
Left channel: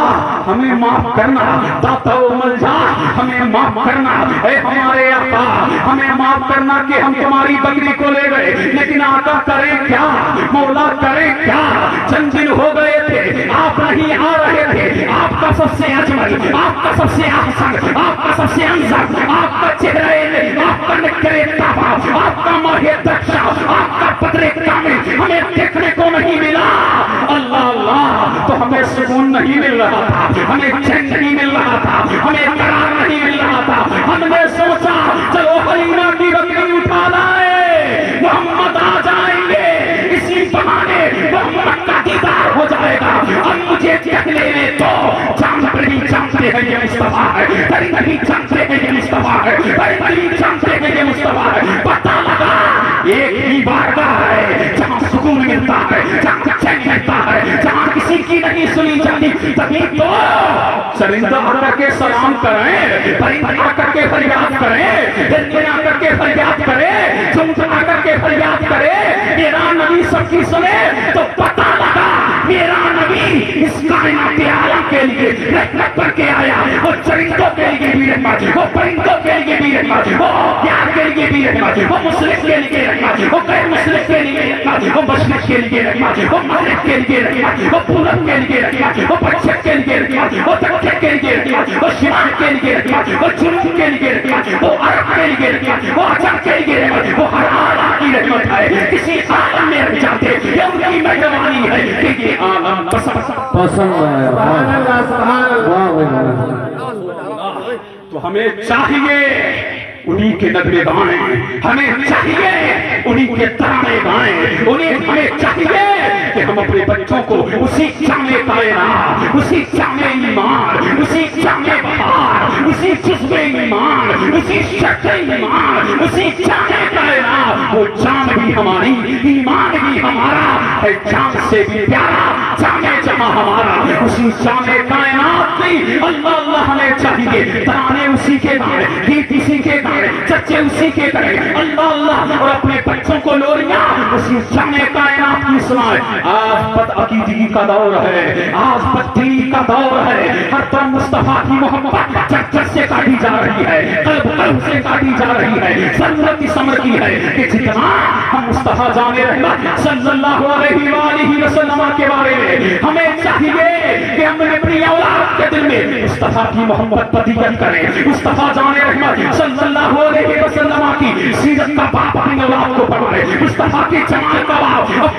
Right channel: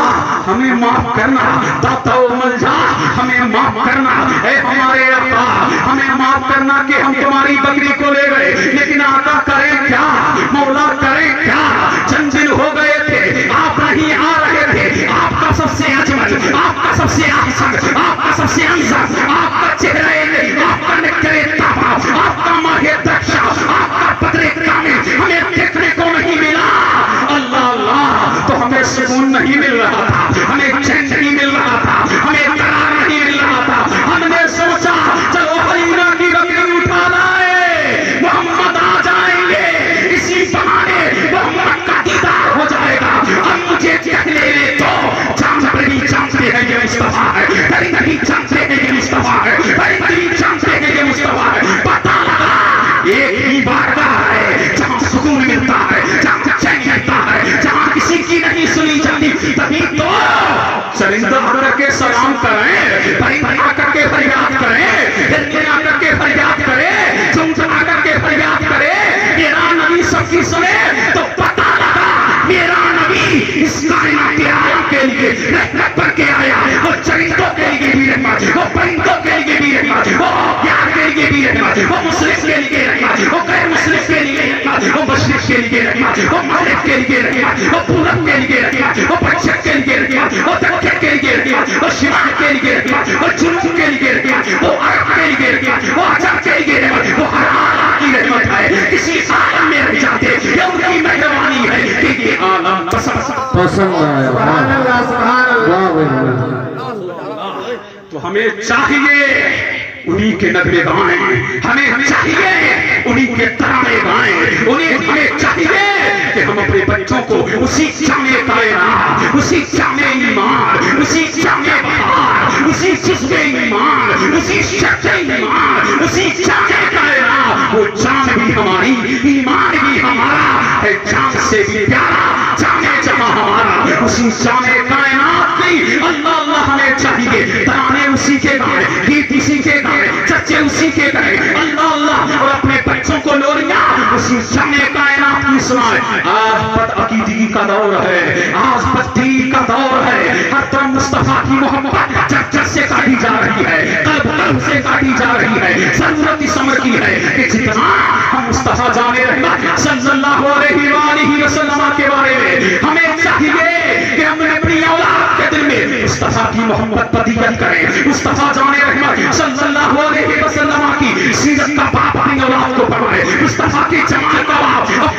ہمیں معاف کرنا، داتا و ملجا ہمیں معاف کرنا، اے ہمارے آقا ہمیں معاف کرنا کہ ہم تمہاری بکری کو لے گئے، لیکن آقا کریں کیا، مولا کریں کیا، چند دن ہو گئے تھے آپ نہیں آ رہے تھے، آپ کا سب سے اجمل، آپ کا سب سے احسن، آپ کا سب سے انصر، آپ کا چہرہ آپ کا نکرے تابا، آپ کا ماہی دکشا، آپ کا پترے کامل ہمیں دیکھنے کو نہیں ملا۔ اللہ اللہ تو ہمیں سکون نہیں مل رہا تھا، ہمیں چین نہیں مل رہا تھا، ہمیں قرار نہیں مل رہا تھا۔ ہم نے سوچا چلو حلیمہ کی بکری اٹھا لائے، محمد آ جائیں گے، اسی بہانے محمد کا دیدار ہو جائے گا۔ اب مجھے دیکھ لینے تو جانور بھی جانتے ہیں یہ مصطفیٰ ہے، درندے بھی جانتے ہیں یہ مصطفیٰ ہے، پرندے بھی جانتے ہیں یہ مصطفیٰ ہے۔ پتہ لگا ایک ہی بارگاہ ہے جہاں سکون ملتا ہے، جہاں چین ملتا ہے، جہاں کسی کی نہیں سنی جاتی۔ تبھی تو چرندہ آ کر کے سلام کریں، پرندہ آ کر کے فریاد کریں، درندے آ کر کے فریاد کریں، چمچم آ کر کے فریاد کریں، میرا نبی سب کی سنے تو پتہ لگا میرا نبی اس کائنات عالم کے لیے رحمت بن کے آیا۔ وہ چرندوں کے لیے بھی رحمت، وہ پرندوں کے لیے بھی رحمت، وہ یار کے لیے بھی رحمت، وہ مسلم کے لیے رحمت، وہ غیر مسلم کے لیے رحمت، وہ مشرق کے لیے رحمت، وہ مغرب کے لیے رحمت، وہ پورب کے لیے رحمت، وہ پچھم کے لیے رحمت، وہ دکن کے لیے رحمت، وہ شمال کے لیے رحمت، وہ جنوب کے لیے رحمت، وہ عرب کے لیے رحمت، وہ عجم کے لیے رحمت، وہ ہر عالم کی رحمت ہے۔ کسی عالم میں رہ جاتے یہ ان کی مہربانی ہے کہ یہ عالم پسند سبحان اللہ سبحان اللہ۔ تو ہمیں چاہیے انہی کے نغمے گائیں، ہمیں چاہیے انہی کے ترانے گائیں، ہمیں چاہیے کہ ہم اپنے بچوں کو اسی جامع کائنات، اسی جامع ایمان، اسی جامع بہار، اسی جذب ایمان، اسی شرط ایمان، اسی جامع کائنات، وہ جان بھی ہماری، ایمان بھی ہمارا ہے، جان سے بھی پیارا جامع جمع ہمارا، اسی جامع کائنات کی اللہ اللہ ہمیں چاہیے ترانے اسی کے گائیں، گیت اسی کے گائیں، چچے اسی کے کریں، اللہ اللہ، اور اپنے بچوں کو لوریاں اسی جامع کائنات کی سنائیں۔ آج بد عقیدگی کا دور ہے، آج بددلی کا دور ہے، ہر طرف مصطفیٰ کی محبت چرچر سے کاٹی جا رہی ہے، قلب سے کاٹی جا رہی ہے۔ ضرورت اس امر کی ہے کہ جتنا ہم مصطفیٰ جامع رحمت صلی اللہ علیہ وآلہ وسلم کے بارے میں ہمیں چاہیے کہ ہم اپنی اولاد کے دل میں مصطفیٰ کی محبت بدیت کریں، مصطفیٰ جامع رحمت صلی اللہ علیہ وسلم کی سیرت کا باپ اپنی اولاد کو پڑھائے، مصطفیٰ کی جمال کا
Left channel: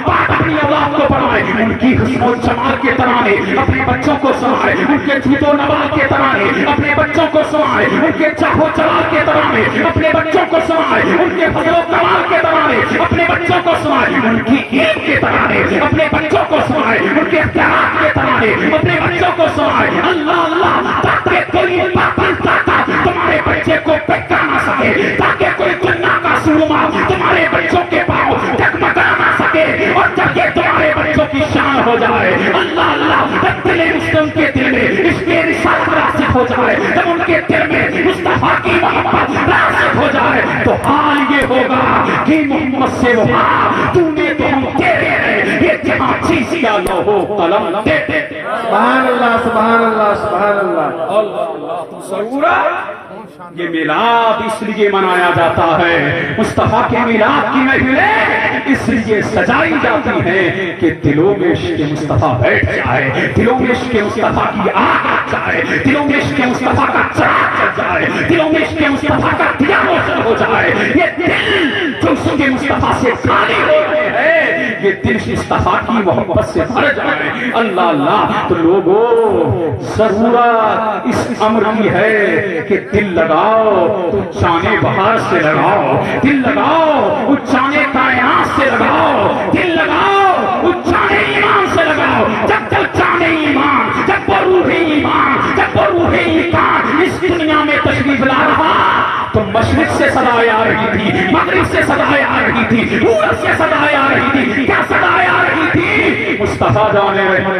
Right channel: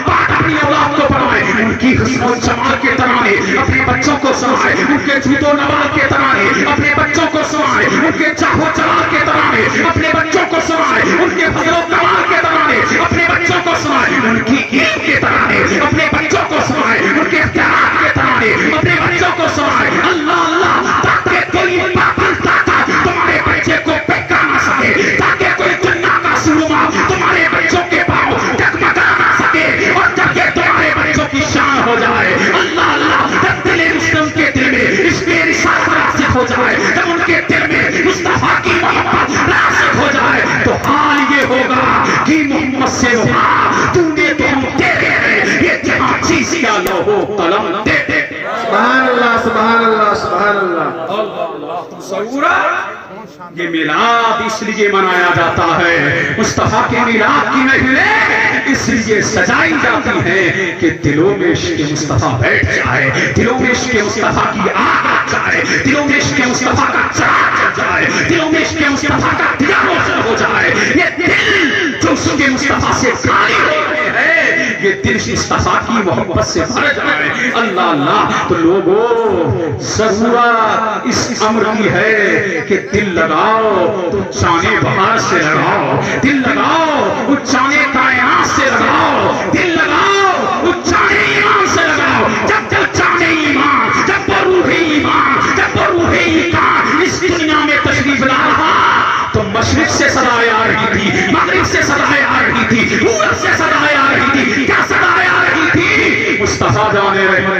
باپ اپنی اولاد کو پڑھائے، ان کی حسن و جمال کے ترانے اپنے بچوں کو سنائے، ان کے جھوٹ و نوال کے ترانے اپنے بچوں کو سنائے، ان کے چاہ و چلال کے ترانے اپنے بچوں کو سنائے، ان کے فضل و کمال کے ترانے اپنے بچوں کو سنائے، ان کی علم کے ترانے اپنے بچوں کو سنائے، ان کے اختیارات کے ترانے اپنے بچوں کو سنائے۔ اللہ اللہ، تاکہ کوئی پاگل طاقت تمہارے بچے کو بہکا نہ سکے، تاکہ کوئی جنہ کا سرما تمہارے بچوں کے پاؤں ڈگمگا نہ سکے، اور جب یہ تمہارے بچوں کی شان ہو جائے، اللہ اللہ، جب دل مسلم کے دل میں عشق رسالت راسخ ہو جائے، جب ان کے دل میں مصطفیٰ کی محبت راسخ ہو جائے، تو حال یہ ہوگا کہ محمد سے وفا تو نے تو ہم تیرے ہیں، یہ جہاں چیز کا لوہو قلم دے دے۔ سبحان اللہ سبحان اللہ سبحان اللہ۔ اللہ تصورات یہ میلاد اس لیے منایا جاتا ہے، مصطفیٰ کے میلاد کی محفلیں اس لیے سجائی جاتی ہیں کہ دلوں میں عشق مصطفیٰ بیٹھ جائے، دلوں میں عشق مصطفیٰ کی آگ لگ جائے، دلوں میں عشق مصطفیٰ کا چراغ جل جائے، دلوں میں عشق مصطفیٰ کا دیا روشن ہو جائے۔ یہ دل جو عشق مصطفیٰ سے خالی ہو گئے ہیں، یہ دل مصطفیٰ کی محبت سے بھر جائے۔ اللہ اللہ، تو لوگوں ضرورت اس امر کی ہے کہ دل لگاؤ تو چانے بہار سے لگاؤ، دل لگاؤ وہ چانے کائنات سے لگاؤ، دل لگاؤ وہ چانے ایمان سے لگاؤ۔ جب تک چانے ایمان، جب وہ روح ایمان، جب وہ روح ایمان اس دنیا میں تشریف لا رہا، تو مشرق سے صدائیں آ رہی تھی، مغرب سے صدائیں آ رہی تھی، پورب سے صدائیں آ رہی تھی۔ کیا صدائیں آ رہی تھی؟ مصطفیٰ جامع رحمت